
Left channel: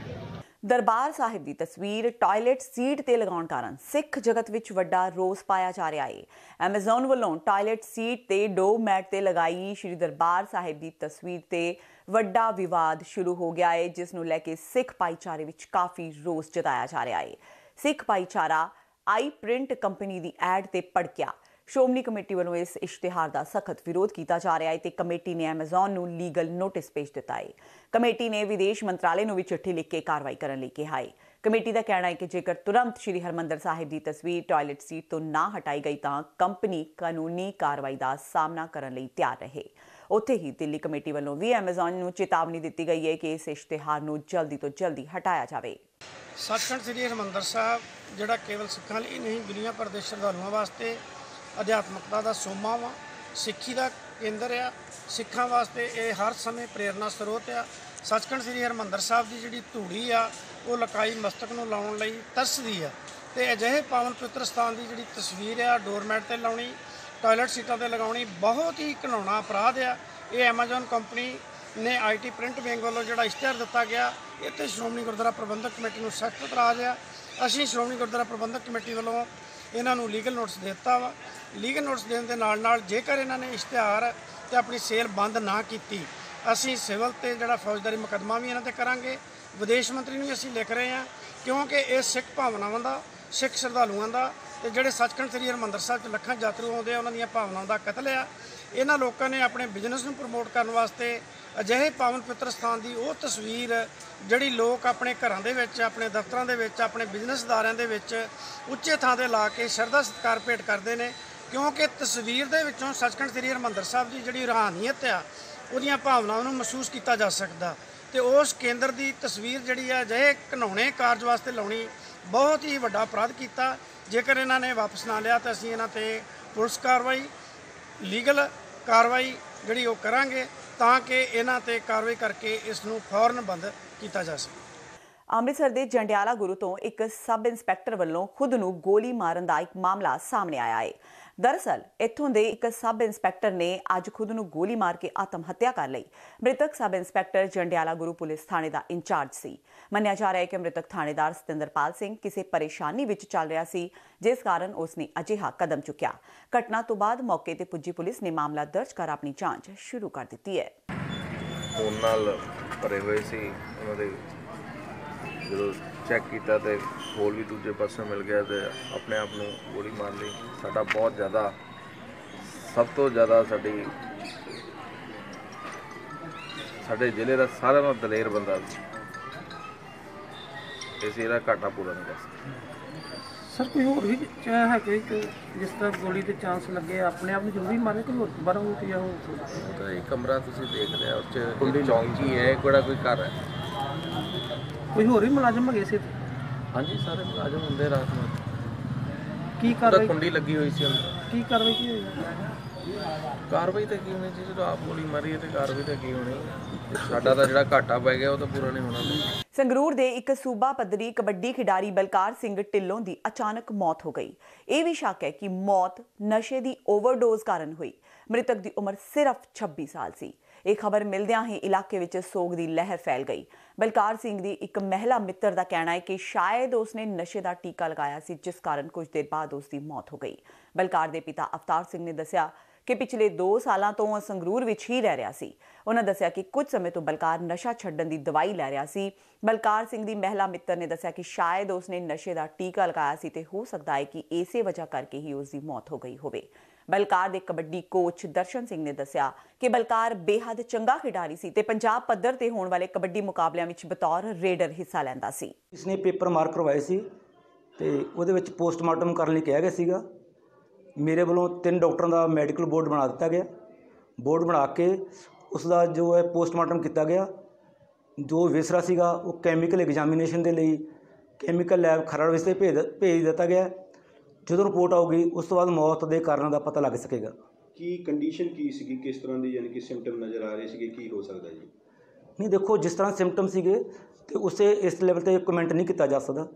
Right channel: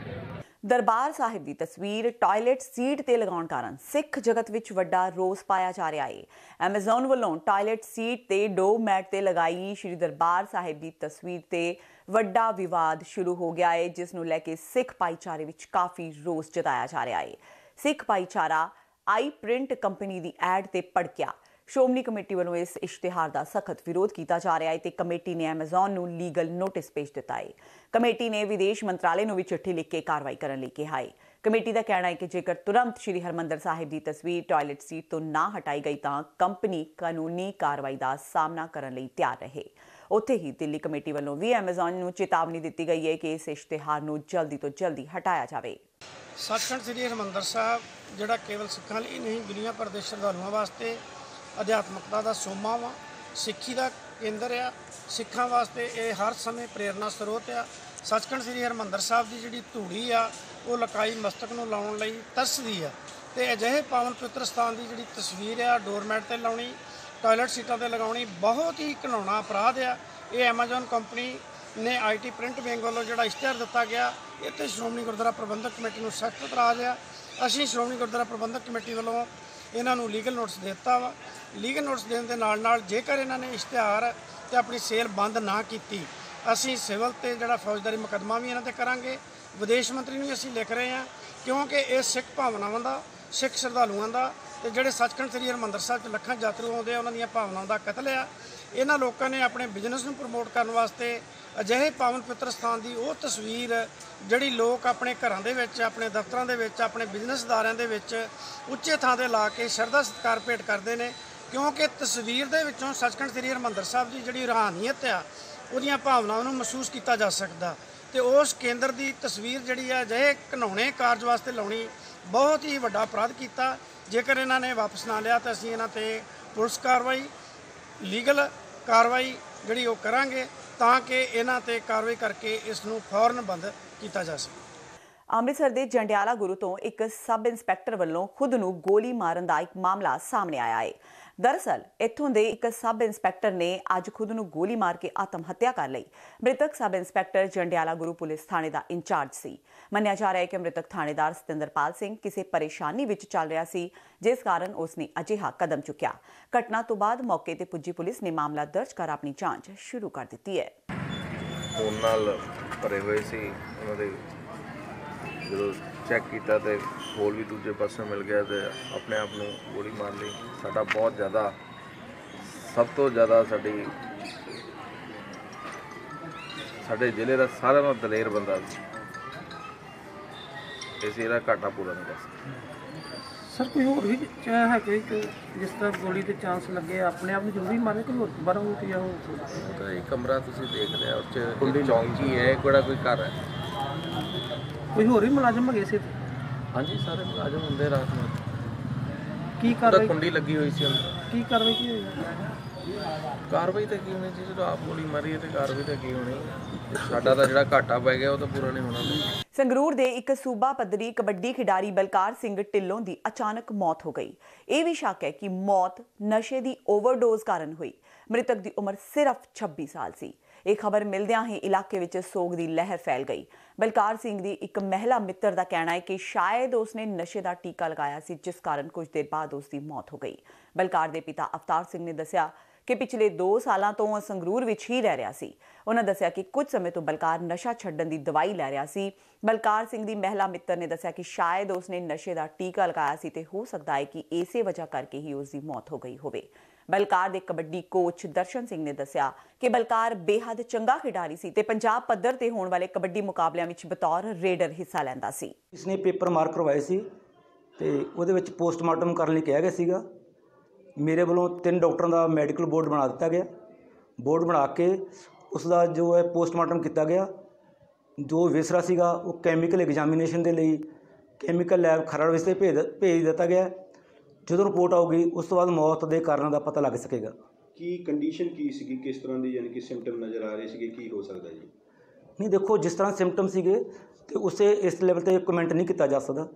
Darbar Sahib ਦੀ ਤਸਵੀਰ ਟਾਇਲਟ ਸੀਟ ਤੇ ਲਗਾਉਣ ਕਾਰਨ ਸਿੱਖ ਜਗਤ ਵਿੱਚ ਵੱਡਾ ਰੋਸ ਪਾਇਆ ਜਾ ਰਿਹਾ ਹੈ। ਐਮਾਜ਼ਨ ਵੱਲੋਂ ਟਾਇਲਟ ਸੀਟ ਤੇ ਡੋਰ ਮੈਟ ਤੇ ਲਗਾਈ ਸ਼੍ਰੀ ਦਰਬਾਰ ਸਾਹਿਬ ਦੀ ਤਸਵੀਰ ਤੇ ਵੱਡਾ ਵਿਵਾਦ ਸ਼ੁਰੂ ਹੋ ਗਿਆ ਹੈ, ਜਿਸ ਨੂੰ ਲੈ ਕੇ ਸਿੱਖ ਭਾਈਚਾਰੇ ਵਿੱਚ ਕਾਫੀ ਰੋਸ ਜਤਾਇਆ ਜਾ ਰਿਹਾ ਹੈ। ਸਿੱਖ ਭਾਈਚਾਰਾ ਆਈ ਪ੍ਰਿੰਟ ਕੰਪਨੀ ਦੀ ਐਡ ਤੇ ਭੜਕਿਆ। ਸ਼੍ਰੋਮਣੀ ਕਮੇਟੀ ਵੱਲੋਂ ਇਸ ਇਸ਼ਤਿਹਾਰ ਦਾ ਸਖਤ ਵਿਰੋਧ ਕੀਤਾ ਜਾ ਰਿਹਾ ਹੈ ਤੇ ਕਮੇਟੀ ਨੇ ਐਮਾਜ਼ਨ ਨੂੰ ਲੀਗਲ ਨੋਟਿਸ ਭੇਜ ਦਿੱਤਾ ਹੈ। ਕਮੇਟੀ ਨੇ ਵਿਦੇਸ਼ ਮੰਤਰਾਲੇ ਨੂੰ ਵੀ ਚਿੱਠੀ ਲਿਖ ਕੇ ਕਾਰਵਾਈ ਕਰਨ ਲਈ ਕਿਹਾ ਹੈ। ਕਮੇਟੀ ਦਾ ਕਹਿਣਾ ਹੈ ਕਿ ਜੇਕਰ ਤੁਰੰਤ ਸ਼੍ਰੀ ਹਰਿਮੰਦਰ ਸਾਹਿਬ ਦੀ ਤਸਵੀਰ ਟਾਇਲਟ ਸੀਟ ਤੋਂ ਨਾ ਹਟਾਈ ਗਈ ਤਾਂ ਕੰਪਨੀ ਕਾਨੂੰਨੀ ਕਾਰਵਾਈ ਦਾ ਸਾਹਮਣਾ ਕਰਨ ਲਈ ਤਿਆਰ ਰਹੇ। ਉੱਥੇ ਹੀ ਦਿੱਲੀ ਕਮੇਟੀ ਵੱਲੋਂ ਵੀ ਐਮਾਜ਼ਨ ਨੂੰ ਚੇਤਾਵਨੀ ਦਿੱਤੀ ਗਈ ਹੈ ਕਿ ਇਸ ਇਸ਼ਤਿਹਾਰ ਨੂੰ ਜਲਦੀ ਤੋਂ ਜਲਦੀ ਹਟਾਇਆ ਜਾਵੇ। ਸੱਚਖੰਡ ਸ੍ਰੀ ਹਰਿਮੰਦਰ ਸਾਹਿਬ ਜਿਹੜਾ ਕੇਵਲ ਸਿੱਖਾਂ ਲਈ ਨਹੀਂ ਦੁਨੀਆ ਭਰ ਦੇ ਸ਼ਰਧਾਲੂਆਂ ਵਾਸਤੇ ਅਧਿਆਤਮਕਤਾ ਦਾ ਸੋਮਾ ਵਾ, ਸਿੱਖੀ ਦਾ ਕੇਂਦਰ ਆ। ਸਿੱਖਾਂ ਵਾਸਤੇ ਇਹ ਹਰ ਸਮੇਂ ਪ੍ਰੇਰਨਾ ਸਰੋਤ ਆ। ਸੱਚਖੰਡ ਸ੍ਰੀ ਹਰਿਮੰਦਰ ਸਾਹਿਬ ਦੀ ਜਿਹੜੀ ਧੂੜੀ ਆ ਉਹ ਲਕਾਈ ਮਸਤਕ ਨੂੰ ਲਾਉਣ ਲਈ ਤਰਸਦੀ ਆ ਤੇ ਅਜਿਹੇ ਪਾਵਨ ਪਵਿੱਤਰ ਸਥਾਨ ਦੀ ਜਿਹੜੀ ਤਸਵੀਰ ਆ ਡੋਰਮੈਟ ਤੇ ਲਾਉਣੀ, ਟਾਇਲਟ ਸੀਟਾਂ ਤੇ ਲਗਾਉਣੀ ਬਹੁਤ ਹੀ ਘਿਨਾਉਣਾ ਅਪਰਾਧ ਆ। ਇਹ ਐਮਾਜ਼ਨ ਕੰਪਨੀ ਨੇ IT ਪ੍ਰਿੰਟ ਵਿੰਗ ਵੱਲੋਂ ਜਿਹੜਾ ਇਸ਼ਤਿਹਾਰ ਦਿੱਤਾ ਗਿਆ ਇਹ ਤੇ ਸ਼੍ਰੋਮਣੀ ਗੁਰਦੁਆਰਾ ਪ੍ਰਬੰਧਕ ਕਮੇਟੀ ਨੂੰ ਸਖਤ ਇਤਰਾਜ਼ ਆ। ਅਸੀਂ ਸ਼੍ਰੋਮਣੀ ਗੁਰਦੁਆਰਾ ਪ੍ਰਬੰਧਕ ਕਮੇਟੀ ਵੱਲੋਂ ਇਹਨਾਂ ਨੂੰ ਲੀਗਲ ਨੋਟਿਸ ਦੇ ਦਿੱਤਾ ਵਾ। ਲੀਗਲ ਨੋਟਿਸ ਦੇਣ ਦੇ ਨਾਲ ਜੇਕਰ ਇਹਨਾਂ ਨੇ ਇਸ਼ਤਿਹਾਰ ਤੇ ਆਪਣੀ ਸੇਲ ਬੰਦ ਨਾ ਕੀਤੀ ਅਸੀਂ ਸਿਵਲ ਤੇ ਜਿਹੜਾ ਫੌਜਦਾਰੀ ਮੁਕੱਦਮਾ ਵੀ ਇਹਨਾਂ ਤੇ ਕਰਾਂਗੇ। ਵਿਦੇਸ਼ ਮੰਤਰੀ ਨੂੰ ਵੀ ਅਸੀਂ ਲਿਖ ਰਹੇ ਹਾਂ ਕਿਉਂਕਿ ਇਹ ਸਿੱਖ ਭਾਵਨਾਵਾਂ ਦਾ, ਸਿੱਖ ਸ਼ਰਧਾਲੂਆਂ ਦਾ ਤੇ ਜਿਹੜੇ ਸੱਚਖੰਡ ਸ੍ਰੀ ਹਰਿਮੰਦਰ ਸਾਹਿਬ 'ਚ ਲੱਖਾਂ ਯਾਤਰੀ ਆਉਂਦੇ ਆ ਉਹਨਾਂ ਦੀਆਂ ਭਾਵਨਾਵਾਂ ਦਾ ਕਤਲ ਆ। ਇਹਨਾਂ ਲੋਕਾਂ ਨੇ ਆਪਣੇ ਬਿਜ਼ਨਸ ਨੂੰ ਪ੍ਰਮੋਟ ਕਰਨ ਵਾਸਤੇ ਅਜਿਹੇ ਪਾਵਨ ਪਵਿੱਤਰ ਸਥਾਨ ਦੀ ਉਹ ਤਸਵੀਰ ਜਿਹੜੀ ਲੋਕ ਆਪਣੇ ਘਰਾਂ ਦੇ ਵਿੱਚ, ਆਪਣੇ ਦਫ਼ਤਰਾਂ ਦੇ ਵਿੱਚ, ਆਪਣੇ ਬਿਜ਼ਨਸ ਅਦਾਰਿਆਂ ਦੇ ਵਿੱਚ ਉੱਚੇ ਥਾਂ ਤੇ ਲਾ ਕੇ ਸ਼ਰਧਾ ਸਤਿਕਾਰ ਭੇਟ ਕਰਦੇ ਨੇ ਕਿਉਂਕਿ ਤਸਵੀਰ ਦੇ ਵਿੱਚੋਂ ਸੱਚਖੰਡ ਸ੍ਰੀ ਹਰਿਮੰਦਰ ਸਾਹਿਬ ਦੀ ਜਿਹੜੀ ਰੂਹਾਨੀਅਤ ਆ ਉਹਦੀਆਂ ਭਾਵਨਾਵਾਂ ਨੂੰ ਮਹਿਸੂਸ ਕੀਤਾ ਜਾ ਸਕਦਾ ਤੇ ਉਸ ਕੇਂਦਰ ਦੀ ਤਸਵੀਰ ਜਿਹੜੀ ਆ ਅਜਿਹੇ ਘਿਨਾਉਣੇ ਕਾਰਜ ਵਾਸਤੇ ਲਾਉਣੀ ਬਹੁਤ ਹੀ ਵੱਡਾ ਅਪਰਾਧ ਕੀਤਾ। ਜੇਕਰ ਇਹਨਾਂ ਨੇ ਵਾਪਸ ਨਾ ਲਿਆ ਤਾਂ ਅਸੀਂ ਇਹਨਾਂ ਤੇ ਪੁਲਿਸ ਕਾਰਵਾਈ, ਲੀਗਲ ਕਾਰਵਾਈ ਜਿਹੜੀ ਉਹ ਕਰਾਂਗੇ ਤਾਂ ਕਿ ਇਹਨਾਂ ਤੇ ਕਾਰਵਾਈ ਕਰਕੇ ਇਸ ਨੂੰ ਫੌਰਨ ਬੰਦ ਕੀਤਾ ਜਾ ਸਕੇ। ਅੰਮ੍ਰਿਤਸਰ ਦੇ ਜੰਡਿਆਲਾ ਗੁਰੂ ਤੋਂ ਇੱਕ ਸਬ ਇੰਸਪੈਕਟਰ ਵੱਲੋਂ ਖੁਦ ਨੂੰ ਗੋਲੀ ਮਾਰਨ ਦਾ ਇੱਕ ਮਾਮਲਾ ਸਾਹਮਣੇ ਆਇਆ ਹੈ। ਦਰਅਸਲ ਇੱਥੋਂ ਦੇ ਇੱਕ ਸਬ ਇੰਸਪੈਕਟਰ ਨੇ ਅੱਜ ਖੁਦ ਨੂੰ ਗੋਲੀ ਮਾਰ ਕੇ ਆਤਮ ਹੱਤਿਆ ਕਰ ਲਈ। ਮ੍ਰਿਤਕ sub inspector Jandiala Guru police ਥਾਣੇ ਦਾ ਇੰਚਾਰਜ ਸੀ। ਮੰਨਿਆ ਜਾ ਰਿਹਾ ਹੈ ਕਿ ਮ੍ਰਿਤਕ ਥਾਣੇਦਾਰ ਸਤਿੰਦਰਪਾਲ ਸਿੰਘ ਕਿਸੇ ਪਰੇਸ਼ਾਨੀ ਵਿੱਚ ਚੱਲ ਰਿਹਾ ਸੀ ਜਿਸ ਕਾਰਨ ਉਸਨੇ ਅਜਿਹਾ ਕਦਮ ਚੁੱਕਿਆ। ਘਟਨਾ ਤੋਂ ਬਾਅਦ ਮੌਕੇ ਤੇ ਪੁੱਜੀ ਪੁਲਿਸ ਨੇ ਮਾਮਲਾ ਦਰਜ ਕਰ ਆਪਣੀ ਜਾਂਚ ਸ਼ੁਰੂ ਕਰ ਦਿੱਤੀ ਹੈ। ਫੋਨ ਨਾਲ ਭਰੇ ਹੋਏ ਸੀ ਉਹਨਾਂ ਦੇ ਜਦੋਂ ਚੈੱਕ ਕੀਤਾ ਤੇ ਹੋਰ ਵੀ ਦੂਜੇ ਪਾਸੇ ਮਿਲ ਗਿਆ ਤੇ ਆਪਣੇ ਆਪ ਨੂੰ ਗੋਲੀ ਮਾਰ ਲਈ। ਸਾਡਾ ਬਹੁਤ ਜ਼ਿਆਦਾ, ਸਭ ਤੋਂ ਜ਼ਿਆਦਾ ਸਾਡੇ ਜ਼ਿਲ੍ਹੇ ਦਾ ਸਾਰਿਆਂ ਨਾਲੋਂ ਦਲੇਰ ਬੰਦਾ ਸੀ। ਇਸ ਇਹਦਾ ਘਾਟਾ ਪੂਰਾ ਨਹੀਂ ਕਰ ਸਕਦਾ। ਸਰ ਕੋਈ ਹੋਰ ਵੀ ਹੈ ਕਿ ਜਿਸ ਤਰ੍ਹਾਂ ਗੋਲੀ ਦੇ ਚਾਂਸ ਲੱਗੇ ਆਪਣੇ ਆਪ ਨੂੰ ਜ਼ਰੂਰੀ ਮਾਰੇ ਕਿ ਹੋਰ ਦੁਬਾਰਾ ਹੋ ਕੇ ਜਾਓ? ਇਹ ਕਮਰਾ ਤੁਸੀਂ ਦੇਖ ਲਿਆ ਉਸ 'ਚ ਚੌਂਕੀ ਹੈ, ਕਿਹੜਾ ਕੋਈ ਘਰ ਹੈ? ਕੋਈ ਹੋਰ ਵੀ ਮੁਲਾਜ਼ਮ ਹੈਗੇ ਸੀ? ਹਾਂਜੀ ਸਾਰੇ ਮੁਲਾਜ਼ਮ ਹੁੰਦੇ ਰਾਤ ਨੂੰ। ਕੀ ਕਾਰਵਾਈ? ਕੁੰਡੀ ਲੱਗੀ ਹੋਈ ਸੀ ਅੰਦਰ। ਕੀ ਕਾਰਵਾਈ ਕੀ ਹੋਈ? ਕਾਰਵਾਈ ਤਾਂ ਕੀ ਹੋਣੀ ਜੀ, ਜਦੋਂ ਆਪ ਗੋਲੀ ਮਾਰੀ ਹੈ ਤੇ ਕਾਰਵਾਈ ਤਾਂ ਕੀ ਹੋਣੀ। ਸਾਡਾ ਤਾਂ ਜਿਹੜਾ ਘਾਟਾ ਪੈ ਗਿਆ ਉਹ ਤਾਂ ਪੂਰਾ ਨਹੀਂ ਹੋਣਾ। ਸੰਗਰੂਰ ਦੇ ਇੱਕ ਸੂਬਾ ਪੱਧਰੀ ਕਬੱਡੀ ਖਿਡਾਰੀ ਬਲਕਾਰ ਸਿੰਘ ਢਿੱਲੋਂ ਦੀ ਅਚਾਨਕ ਮੌਤ ਹੋ ਗਈ। ਇਹ ਵੀ ਸ਼ੱਕ ਹੈ ਕਿ ਮੌਤ ਨਸ਼ੇ ਦੀ ਓਵਰਡੋਜ਼ ਕਾਰਨ ਹੋਈ। ਮ੍ਰਿਤਕ ਦੀ ਉਮਰ ਸਿਰਫ 26 ਸਾਲ ਸੀ। ਇਹ ਖਬਰ ਮਿਲਦਿਆਂ ਹੀ ਇਲਾਕੇ ਵਿੱਚ ਸੋਗ ਦੀ ਲਹਿਰ ਫੈਲ ਗਈ। ਬਲਕਾਰ ਸਿੰਘ ਦੀ ਇੱਕ ਮਹਿਲਾ ਮਿੱਤਰ ਦਾ ਕਹਿਣਾ ਹੈ ਕਿ ਸ਼ਾਇਦ ਉਸਨੇ ਨਸ਼ੇ ਦਾ ਟੀਕਾ ਲਗਾਇਆ ਸੀ ਜਿਸ ਕਾਰਨ ਕੁਝ ਦੇਰ ਬਾਅਦ ਉਸ ਦੀ ਮੌਤ ਹੋ ਗਈ। ਬਲਕਾਰ ਦੇ ਪਿਤਾ ਅਵਤਾਰ ਸਿੰਘ ਨੇ ਦੱਸਿਆ ਕਿ ਪਿਛਲੇ 2 ਸਾਲਾਂ ਤੋਂ ਸੰਗਰੂਰ ਵਿੱਚ ਹੀ ਰਹਿ ਰਿਹਾ ਸੀ। ਉਹਨਾਂ ਦੱਸਿਆ ਕਿ ਕੁਝ ਸਮੇਂ ਤੋਂ ਬਲਕਾਰ ਨਸ਼ਾ ਛੱਡਣ ਦੀ ਦਵਾਈ ਲੈ ਰਿਹਾ ਸੀ। ਬਲਕਾਰ ਸਿੰਘ ਦੀ ਮਹਿਲਾ ਮਿੱਤਰ ਨੇ ਦੱਸਿਆ ਕਿ ਸ਼ਾਇਦ ਉਸਨੇ ਨਸ਼ੇ ਦਾ ਟੀਕਾ ਲਗਾਇਆ ਸੀ ਤੇ ਹੋ ਸਕਦਾ ਹੈ ਕਿ ਇਸੇ ਵਜ੍ਹਾ ਕਰਕੇ ਹੀ ਉਸ ਦੀ ਮੌਤ ਹੋ ਗਈ ਹੋਵੇ। ਬਲਕਾਰ ਦੇ ਕਬੱਡੀ ਕੋਚ ਦਰਸ਼ਨ ਸਿੰਘ ਨੇ ਦੱਸਿਆ ਕਿ ਬਲਕਾਰ ਬੇਹੱਦ ਚੰਗਾ ਖਿਡਾਰੀ ਸੀ ਤੇ ਪੰਜਾਬ ਪੱਧਰ ਤੇ ਹੋਣ ਵਾਲੇ ਕਬੱਡੀ ਮੁਕਾਬਲਿਆਂ ਵਿੱਚ ਬਤੌਰ ਰੇਡਰ ਹਿੱਸਾ ਲੈਂਦਾ ਸੀ। ਇਸਨੇ ਪੇਪਰ ਮਾਰਕ ਕਰਵਾਏ ਸੀ ਤੇ ਉਹਦੇ ਵਿੱਚ ਪੋਸਟਮਾਰਟਮ ਕਰਨ ਲਈ ਕਿਹਾ ਗਿਆ ਸੀਗਾ। ਮੇਰੇ ਵੱਲੋਂ 3 ਡਾਕਟਰਾਂ ਦਾ ਮੈਡੀਕਲ ਬੋਰਡ ਬਣਾ ਦਿੱਤਾ ਗਿਆ। ਬੋਰਡ ਬਣਾ ਕੇ ਉਸ ਦਾ ਜੋ ਹੈ ਪੋਸਟਮਾਰਟਮ ਕੀਤਾ ਗਿਆ। ਜੋ ਵਿਸਰਾ ਸੀਗਾ ਉਹ ਕੈਮੀਕਲ ਐਗਜ਼ਾਮੀਨੇਸ਼ਨ ਦੇ ਲਈ ਕੈਮੀਕਲ ਲੈਬ ਖਰੜ ਵਿੱਚ ਭੇਜ ਦਿੱਤਾ ਗਿਆ। ਜਦੋਂ ਰਿਪੋਰਟ ਆਊਗੀ ਉਸ ਤੋਂ ਬਾਅਦ ਮੌਤ ਦੇ ਕਾਰਨਾਂ ਦਾ ਪਤਾ ਲੱਗ ਸਕੇਗਾ। ਕੀ ਕੰਡੀਸ਼ਨ ਕੀ ਸੀਗੀ, ਕਿਸ ਤਰ੍ਹਾਂ ਦੀ ਯਾਨੀ ਕਿ ਸਿੰਪਟਮ ਨਜ਼ਰ ਆ ਰਹੇ ਸੀਗੇ, ਕੀ ਹੋ ਸਕਦਾ ਜੀ? ਨਹੀਂ ਦੇਖੋ, ਜਿਸ ਤਰ੍ਹਾਂ ਸਿੰਪਟਮ ਸੀਗੇ ਤੇ ਉਸੇ ਇਸ ਲੈਵਲ ਤੇ ਕਮੈਂਟ ਨਹੀਂ ਕੀਤਾ ਜਾ ਸਕਦਾ।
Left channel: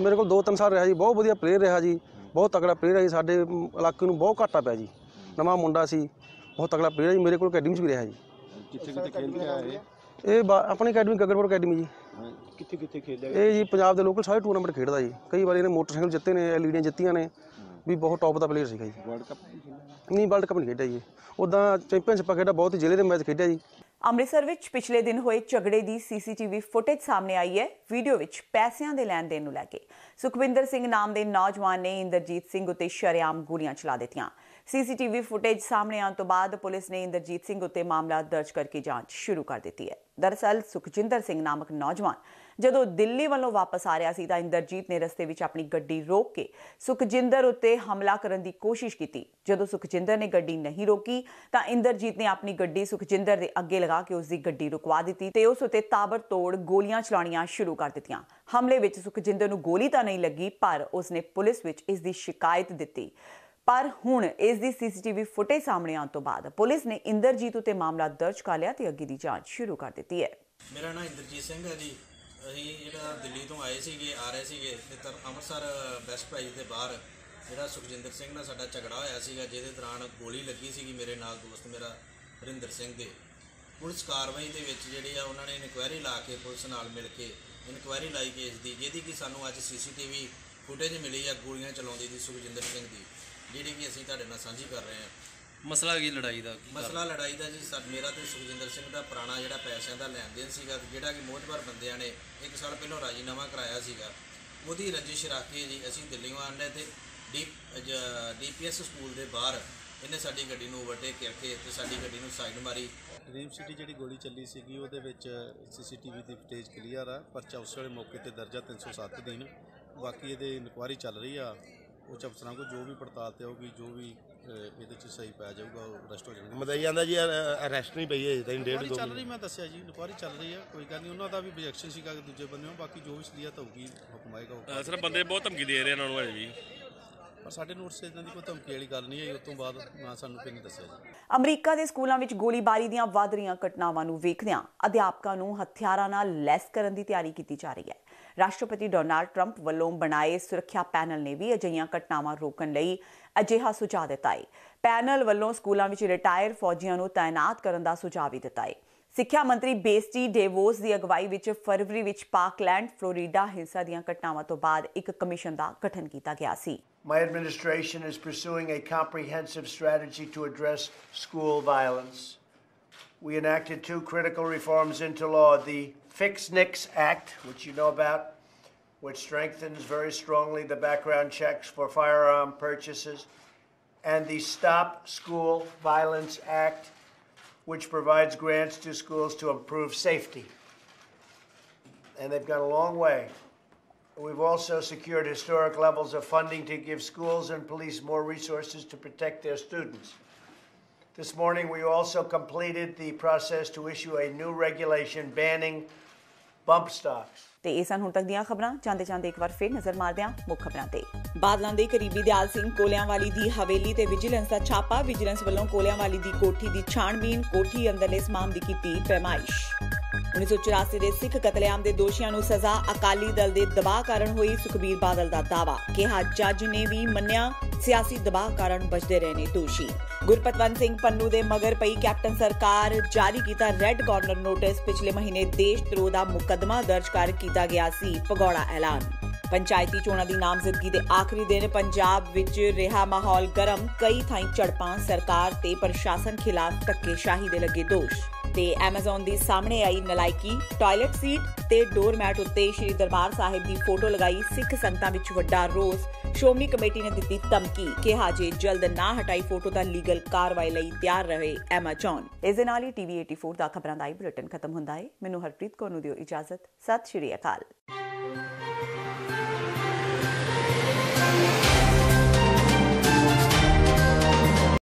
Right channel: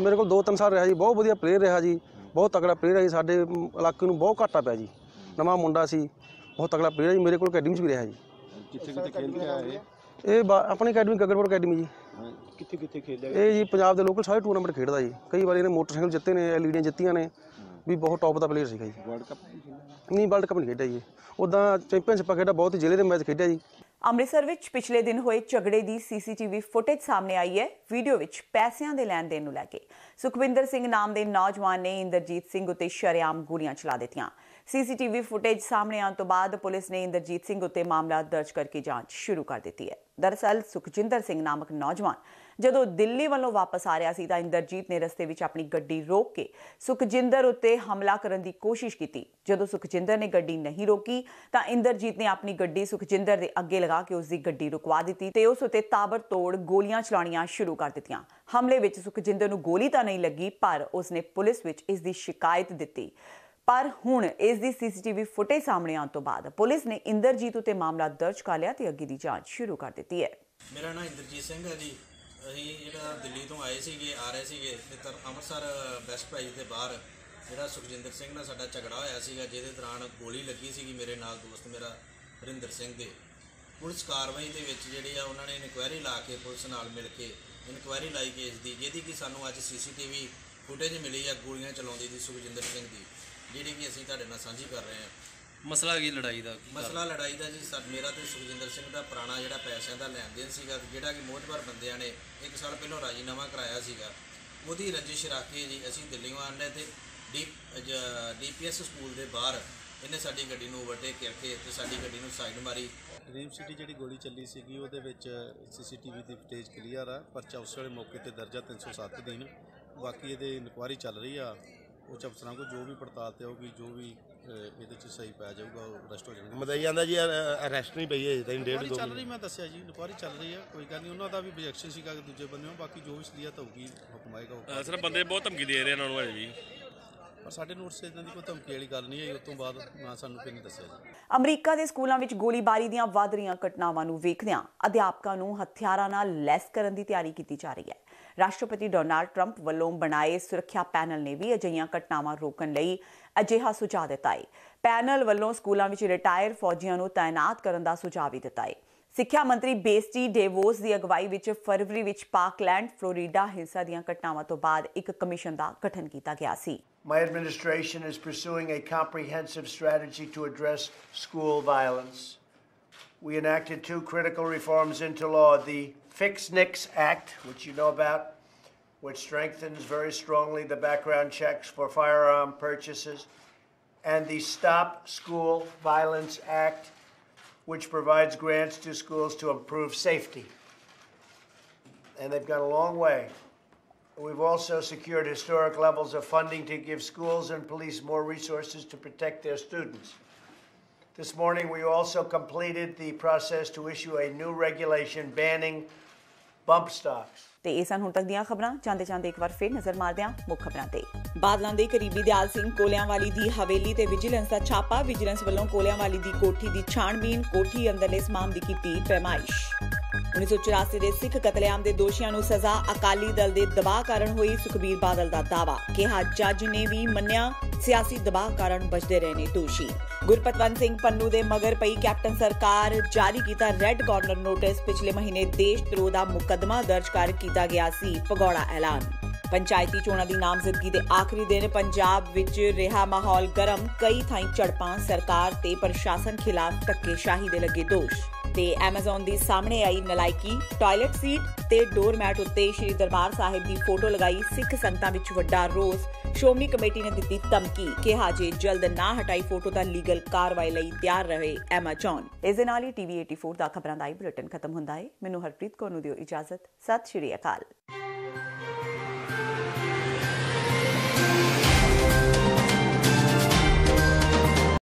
ਮੇਰੇ ਕੋਲ 2-3 ਸਾਲ ਰਿਹਾ ਜੀ, ਬਹੁਤ ਵਧੀਆ ਪਲੇਅਰ ਰਿਹਾ ਜੀ, ਬਹੁਤ ਤਕੜਾ ਪਲੇਅਰ ਹੈ ਜੀ। ਸਾਡੇ ਇਲਾਕੇ ਨੂੰ ਬਹੁਤ ਘਾਟਾ ਪਿਆ ਜੀ, ਨਵਾਂ ਮੁੰਡਾ ਸੀ, ਬਹੁਤ ਤਕੜਾ ਪਲੇਅਰ ਜੀ। ਮੇਰੇ ਕੋਲ ਅਕੈਡਮੀ 'ਚ ਵੀ ਰਿਹਾ ਜੀ। ਕਿੱਥੇ ਖੇਡ ਕੇ ਆਏ? ਇਹ ਆਪਣੀ ਅਕੈਡਮੀ ਗਗਨਪੁਰ ਅਕੈਡਮੀ ਜੀ। ਕਿੱਥੇ ਖੇਡਿਆ? ਇਹ ਜੀ ਪੰਜਾਬ ਦੇ ਲੋਕਲ ਸਾਰੇ ਟੂਰਨਾਮੈਂਟ ਖੇਡਦਾ ਜੀ। ਕਈ ਵਾਰੀ ਇਹਨੇ ਮੋਟਰਸਾਈਕਲ ਜਿੱਤੇ ਨੇ, ਐਲਈਡੀਆਂ ਜਿੱਤੀਆਂ ਨੇ, ਵੀ ਬਹੁਤ ਟੌਪ ਦਾ ਪਲੇਅਰ ਸੀਗਾ ਜੀ। ਵਰਲਡ ਕੱਪ ਨਹੀਂ, ਵਰਲਡ ਕੱਪ ਨਹੀਂ ਖੇਡਿਆ ਜੀ। ਉੱਦਾਂ ਚੈਂਪੀਅਨਸ਼ਿਪ ਖੇਡਿਆ, ਬਹੁਤ ਜ਼ਿਲ੍ਹੇ ਦੇ ਮੈਚ ਖੇਡਿਆ ਜੀ। ਅੰਮ੍ਰਿਤਸਰ ਵਿੱਚ ਪਿਛਲੇ ਦਿਨ ਹੋਏ ਝਗੜੇ ਦੀ ਸੀਸੀਟੀਵੀ ਫੁਟੇਜ ਸਾਹਮਣੇ ਆਈ ਹੈ। ਵੀਡੀਓ ਵਿੱਚ ਪੈਸਿਆਂ ਦੇ ਲੈਣ ਦੇਣ ਨੂੰ ਲੈ ਕੇ ਸੁਖਵਿੰਦਰ ਸਿੰਘ ਨਾਮ ਦੇ ਨੌਜਵਾਨ ਨੇ ਇੰਦਰਜੀਤ ਸਿੰਘ ਉੱਤੇ ਸ਼ਰੇਆਮ ਗੋਲੀਆਂ ਚਲਾ ਦਿੱਤੀਆਂ। ਸੀਸੀਟੀਵੀ ਫੁਟੇਜ ਸਾਹਮਣੇ ਆਉਣ ਤੋਂ ਬਾਅਦ ਪੁਲਿਸ ਨੇ ਇੰਦਰਜੀਤ ਸਿੰਘ ਉੱਤੇ ਮਾਮਲਾ ਦਰਜ ਕਰਕੇ ਜਾਂਚ ਸ਼ੁਰੂ ਕਰ ਦਿੱਤੀ ਹੈ। ਦਰਅਸਲ ਸੁਖਜਿੰਦਰ ਸਿੰਘ ਨਾਮਕ ਨੌਜਵਾਨ ਜਦੋਂ ਦਿੱਲੀ ਵੱਲੋਂ ਵਾਪਸ ਆ ਰਿਹਾ ਸੀ ਤਾਂ ਇੰਦਰਜੀਤ ਨੇ ਰਸਤੇ ਵਿੱਚ ਆਪਣੀ ਗੱਡੀ ਰੋਕ ਕੇ ਸੁਖਜਿੰਦਰ ਉੱਤੇ ਹਮਲਾ ਕਰਨ ਦੀ ਕੋਸ਼ਿਸ਼ ਕੀਤੀ। ਜਦੋਂ ਸੁਖਜਿੰਦਰ ਨੇ ਗੱਡੀ ਨਹੀਂ ਰੋਕੀ ਤਾਂ ਇੰਦਰਜੀਤ ਨੇ ਆਪਣੀ ਗੱਡੀ ਸੁਖਜਿੰਦਰ ਦੇ ਅੱਗੇ ਲਗਾ ਕੇ ਉਸ ਦੀ ਗੱਡੀ ਰੁਕਵਾ ਦਿੱਤੀ ਤੇ ਉਸ ਉੱਤੇ ਤਾਬੜਤੋੜ ਗੋਲੀਆਂ ਚਲਾਉਣੀਆਂ ਸ਼ੁਰੂ ਕਰ ਦਿੱਤੀਆਂ। ਹਮਲੇ ਵਿੱਚ ਸੁਖਜਿੰਦਰ ਨੂੰ ਗੋਲੀ ਤਾਂ ਨਹੀਂ ਲੱਗੀ, ਪਰ ਉਸਨੇ ਪੁਲਿਸ ਵਿੱਚ ਇਸ ਦੀ ਸ਼ਿਕਾਇਤ ਦਿੱਤੀ। ਪਰ ਹੁਣ ਇਸ ਦੀ ਸੀਸੀਟੀਵੀ ਫੁਟੇਜ ਸਾਹਮਣੇ ਆਉਣ ਤੋਂ ਬਾਅਦ ਪੁਲਿਸ ਨੇ ਇੰਦਰਜੀਤ ਉੱਤੇ ਮਾਮਲਾ ਦਰਜ ਕਰ ਲਿਆ ਤੇ ਅੱਗੇ ਦੀ ਜਾਂਚ ਸ਼ੁਰੂ ਕਰ ਦਿੱਤੀ ਹੈ। ਮੇਰਾ ਨਾਮ ਇੰਦਰਜੀਤ ਸਿੰਘ ਹੈ ਜੀ। ਅਸੀਂ ਜਿਹੜਾ ਦਿੱਲੀ ਤੋਂ ਆ ਰਹੇ ਸੀਗੇ ਤੇ ਅੰਮ੍ਰਿਤਸਰ ਬੈਸਟ ਪ੍ਰਾਈਜ਼ ਦੇ ਬਾਹਰ ਜਿਹੜਾ ਸੁਖਜਿੰਦਰ ਸਿੰਘ ਨਾਲ ਸਾਡਾ ਝਗੜਾ ਹੋਇਆ ਸੀਗਾ, ਜਿਹਦੇ ਦੌਰਾਨ ਗੋਲੀ ਲੱਗੀ ਸੀਗੀ ਮੇਰੇ ਨਾਲ ਦੋਸਤ ਮੇਰਾ ਹਰਿੰਦਰ ਸਿੰਘ ਦੇ। ਪੁਲਿਸ ਕਾਰਵਾਈ ਦੇ ਵਿੱਚ ਜਿਹੜੇ ਆ ਉਹਨਾਂ ਨੇ ਇਨਕੁਆਇਰੀ ਲਾ ਕੇ ਪੁਲਿਸ ਨਾਲ ਮਿਲ ਕੇ ਇਨਕੁਆਇਰੀ ਲਾਈ ਕੇਸ ਦੀ, ਜਿਹਦੀ ਕਿ ਸਾਨੂੰ ਅੱਜ ਸੀਸੀਟੀਵੀ ਫੁਟੇਜ ਮਿਲੀ ਆ ਗੋਲੀਆਂ ਚਲਾਉਂਦੀ ਦੀ ਸੁਖਜਿੰਦਰ ਸਿੰਘ ਦੀ, ਜਿਹੜੀ ਕਿ ਅਸੀਂ ਤੁਹਾਡੇ ਨਾਲ ਸਾਂਝੀ ਕਰ ਰਹੇ ਹਾਂ। ਮਸਲਾ ਕੀ ਲੜਾਈ ਦਾ? ਮਸਲਾ ਲੜਾਈ ਦਾ ਜੀ ਮੇਰਾ ਤੇ ਸੁਖਜਿੰਦਰ ਸਿੰਘ ਦਾ ਪੁਰਾਣਾ ਜਿਹੜਾ ਪੈਸਿਆਂ ਦਾ ਲੈਣ ਦੇਣ ਸੀਗਾ, ਜਿਹੜਾ ਕਿ ਮੋਹਤਬਰ ਬੰਦਿਆਂ ਨੇ 1 ਸਾਲ ਪਹਿਲਾਂ ਰਾਜੀਨਾਮਾ ਕਰਾਇਆ ਸੀਗਾ, ਉਹਦੀ ਰੰਜਿਸ਼ ਰੱਖ ਕੇ ਜੀ ਅਸੀਂ ਦਿੱਲੀੋਂ ਆਉਂਦੇ ਤੇ ਡੀਪੀਐਸ ਸਕੂਲ ਦੇ ਬਾਹਰ ਇਹਨੇ ਸਾਡੀ ਗੱਡੀ ਨੂੰ ਓਵਰਟੇਕ ਕਰਕੇ ਤੇ ਸਾਡੀ ਗੱਡੀ ਨੂੰ ਸਾਈਡ ਮਾਰੀ। ਡ੍ਰੀਮ ਸਿਟੀ ਜਿਹੜੀ ਗੋਲੀ ਚੱਲੀ ਸੀਗੀ ਉਹਦੇ ਵਿੱਚ ਸੀਸੀਟੀਵੀ ਦੀ ਫੁਟੇਜ ਕਲੀਅਰ ਆ। ਪਰਚਾ ਉਸ ਵੇਲੇ ਮੌਕੇ ਤੇ ਦਰਜ 307 ਦਿਨ। ਬਾਕੀ ਇਹਦੇ ਇਨਕੁਆਇਰੀ ਚੱਲ ਰਹੀ ਆ। ਉੱਚ ਅਫਸਰਾਂ ਕੋਲ ਜੋ ਵੀ ਪੜਤਾਲ ਤੇ ਹੋਊਗੀ, ਜੋ ਵੀ ਇਹਦੇ 'ਚ ਸਹੀ ਪੈ ਜਾਊਗਾ ਉਹ ਅਰੈਸਟ ਹੋ ਜਾਣਗੇ। ਮਤਲਬ ਜਾਂਦਾ ਜੀ ਅਰੈਸਟ ਨਹੀਂ ਪਈ ਹੈ ਤਾਂ 1.5 ਚੱਲ ਰਹੀ, ਮੈਂ ਦੱਸਿਆ ਜੀ ਇਨਕੁਆਇਰੀ ਚੱਲ ਰਹੀ ਹੈ। ਕੋਈ ਗੱਲ ਨਹੀਂ, ਉਹਨਾਂ ਦਾ ਵੀ objection ਸੀਗਾ ਦੂਜੇ ਬੰਦੇ ਨੂੰ। ਬਾਕੀ ਜੋ ਵੀ ਸਲੀਅਤ ਹੋਊਗੀ ਹੁਕਮ ਆਏਗਾ। ਸਰ ਬੰਦੇ ਬਹੁਤ ਧਮਕੀ ਦੇ ਰਹੇ ਇਹਨਾਂ ਨੂੰ ਹੈ ਜੀ, ਪਰ ਸਾਡੇ ਨੋਟਿਸ ਇਹਨਾਂ ਦੀ ਕੋਈ ਧਮਕੀ ਵਾਲੀ ਗੱਲ ਨਹੀਂ ਹੈ। ਉਸ ਤੋਂ ਬਾਅਦ ਨਾ ਸਾਨੂੰ ਕੋਈ ਨਹੀਂ ਦੱਸਿਆ ਜੀ। ਅਮਰੀਕਾ ਦੇ ਸਕੂਲਾਂ ਵਿੱਚ ਗੋਲੀਬਾਰੀ ਦੀਆਂ ਵੱਧ ਰਹੀਆਂ ਘਟਨਾਵਾਂ ਨੂੰ ਵੇਖਦਿਆਂ ਅਧਿਆਪਕਾਂ ਨੂੰ ਹਥਿਆਰਾਂ ਨਾਲ ਲੈਸ ਕਰਨ ਦੀ ਤਿਆਰੀ ਕੀਤੀ ਜਾ ਰਹੀ ਹੈ। ਰਾਸ਼ਟਰਪਤੀ ਡੋਨਾਲਡ ਟਰੰਪ ਵੱਲੋਂ ਬਣਾਏ ਸੁਰੱਖਿਆ ਪੈਨਲ ਨੇ ਵੀ ਅਜਿਹੀਆਂ ਘਟਨਾਵਾਂ ਰੋਕਣ ਲਈ ਅਜਿਹਾ ਸੁਝਾਅ ਦਿੱਤਾ ਹੈ। ਪੈਨਲ ਵੱਲੋਂ ਸਕੂਲਾਂ ਵਿੱਚ ਰਿਟਾਇਰ ਫੌਜੀਆਂ ਨੂੰ ਤਾਇਨਾਤ ਕਰਨ ਦਾ ਸੁਝਾਅ ਵੀ ਦਿੱਤਾ ਹੈ। ਸਿੱਖਿਆ ਮੰਤਰੀ ਬੇਸਟੀ ਡੇਵੋਸ ਦੀ ਅਗਵਾਈ ਵਿੱਚ ਫਰਵਰੀ ਵਿੱਚ ਪਾਕਲੈਂਡ ਫਲੋਰੀਡਾ ਹਿੰਸਾ ਦੀਆਂ ਘਟਨਾਵਾਂ ਤੋਂ ਬਾਅਦ ਇੱਕ ਕਮਿਸ਼ਨ ਦਾ ਗਠਨ ਕੀਤਾ ਗਿਆ ਸੀ। My administration is pursuing a comprehensive strategy to address school violence. We enacted 2 critical reforms into law, the Fix NICS Act, which you know about, which strengthens very strongly the background checks for firearm purchases, and the Stop School Violence Act, which provides grants to schools to improve safety. And they've gone a long way. We've also secured historic levels of funding to give schools and police more resources to protect their students. This morning, we also completed the process to issue a new regulation banning bump stocks. ਤੇ ਇਹ ਸਨ ਹੁਣ ਤੱਕ ਦੀਆਂ ਖਬਰਾਂ। ਚਾਹੁੰਦੇ ਇੱਕ ਵਾਰ ਫਿਰ ਨਜ਼ਰ ਮਾਰਦੇ ਹਾਂ ਮੁੱਖ ਖਬਰਾਂ ਤੇ। ਬਾਦਲਾਂ ਦੇ ਕਰੀਬੀ ਦਿਆਲ ਸਿੰਘ ਕੋਲਿਆਂਵਾਲੀ ਦੀ ਹਵੇਲੀ ਤੇ ਵਿਜੀਲੈਂਸ ਦਾ ਛਾਪਾ। ਵਿਜੀਲੈਂਸ ਵੱਲੋਂ ਕੋਲਿਆਂਵਾਲੀ ਦੀ ਕੋਠੀ ਦੀ ਛਾਣਬੀਨ, ਕੋਠੀ ਅੰਦਰਲੇ ਸਮਾਨ ਦੀ ਕੀਤੀ ਪੈਮਾਇਸ਼। 1984 ਦੇ ਸਿੱਖ ਕਤਲੇਆਮ ਦੇ ਦੋਸ਼ੀਆਂ ਨੂੰ ਸਜ਼ਾ, ਅਕਾਲੀ ਦਲ ਦੇ ਦਬਾਅ ਕਾਰਨ ਹੋਈ। ਸੁਖਬੀਰ ਬਾਦਲ ਦਾ ਦਾਅਵਾ, ਕਿਹਾ ਜੱਜ ਨੇ ਵੀ ਮੰਨਿਆ ਸਿਆਸੀ ਦਬਾਅ ਕਾਰਨ ਬਚਦੇ ਰਹੇ ਨੇ ਦੋਸ਼ੀ। ਗੁਰਪਤਵੰਤ ਸਿੰਘ ਪੰਨੂ ਦੇ ਮਗਰ ਪਈ ਕੈਪਟਨ ਸਰਕਾਰ, ਜਾਰੀ ਕੀਤਾ ਰੈੱਡ ਕਾਰਨਰ ਨੋਟਿਸ। ਪਿਛਲੇ ਮਹੀਨੇ ਦੇਸ਼ ਧਰੋਹ ਦਾ ਮੁਕੱਦਮਾ ਦਰਜ ਕਰ ਕੀਤਾ ਗਿਆ ਸੀ ਭਗੌੜਾ ਐਲਾਨ। ਪੰਚਾਇਤੀ ਚੋਣਾਂ ਦੀ ਨਾਮਜ਼ਦਗੀ ਦੇ ਆਖਰੀ ਦਿਨ ਪੰਜਾਬ ਵਿੱਚ ਰਿਹਾ ਮਾਹੌਲ ਗਰਮ। ਕਈ ਥਾਈਂ ਝੜਪਾਂ, ਸਰਕਾਰ ਤੇ ਪ੍ਰਸ਼ਾਸਨ ਖਿਲਾਫ ਧੱਕੇਸ਼ਾਹੀ ਦੇ ਲੱਗੇ ਦੋਸ਼ ਤੇ ਐਮਾਜ਼ਨ ਦੀ ਸਾਹਮਣੇ ਆਈ ਨਲਾਇਕੀ। ਟਾਇਲਟ ਸੀਟ ਤੇ ਡੋਰਮੈਟ ਉੱਤੇ ਸ਼੍ਰੀ ਦਰਬਾਰ ਸਾਹਿਬ ਦੀ ਫੋਟੋ ਲਗਾਈ। ਸਿੱਖ ਸੰਗਤਾਂ ਵਿੱਚ ਵੱਡਾ ਰੋਸ। ਸ਼੍ਰੋਮਣੀ ਕਮੇਟੀ ਨੇ ਦਿੱਤੀ ਧਮਕੀ, ਕਿਹਾ ਜੇ ਜਲਦ ਨਾ ਹਟਾਈ ਫੋਟੋ ਤਾਂ ਲੀਗਲ ਕਾਰਵਾਈ ਲਈ ਤਿਆਰ ਰਹੇ ਐਮਾਜ਼ਨ। ਇਸ ਦੇ ਨਾਲ ਹੀ TV 84 ਦਾ ਖਬਰਾਂ ਦਾ ਬੁਲੇਟਿਨ ਖਤਮ ਹੁੰਦਾ ਹੈ। ਮੈਨੂੰ ਹਰਪ੍ਰੀਤ ਕੌਰ ਨੂੰ ਦਿਓ ਇਜਾਜ਼ਤ। ਸਤਿ ਸ਼੍ਰੀ ਅਕਾਲ।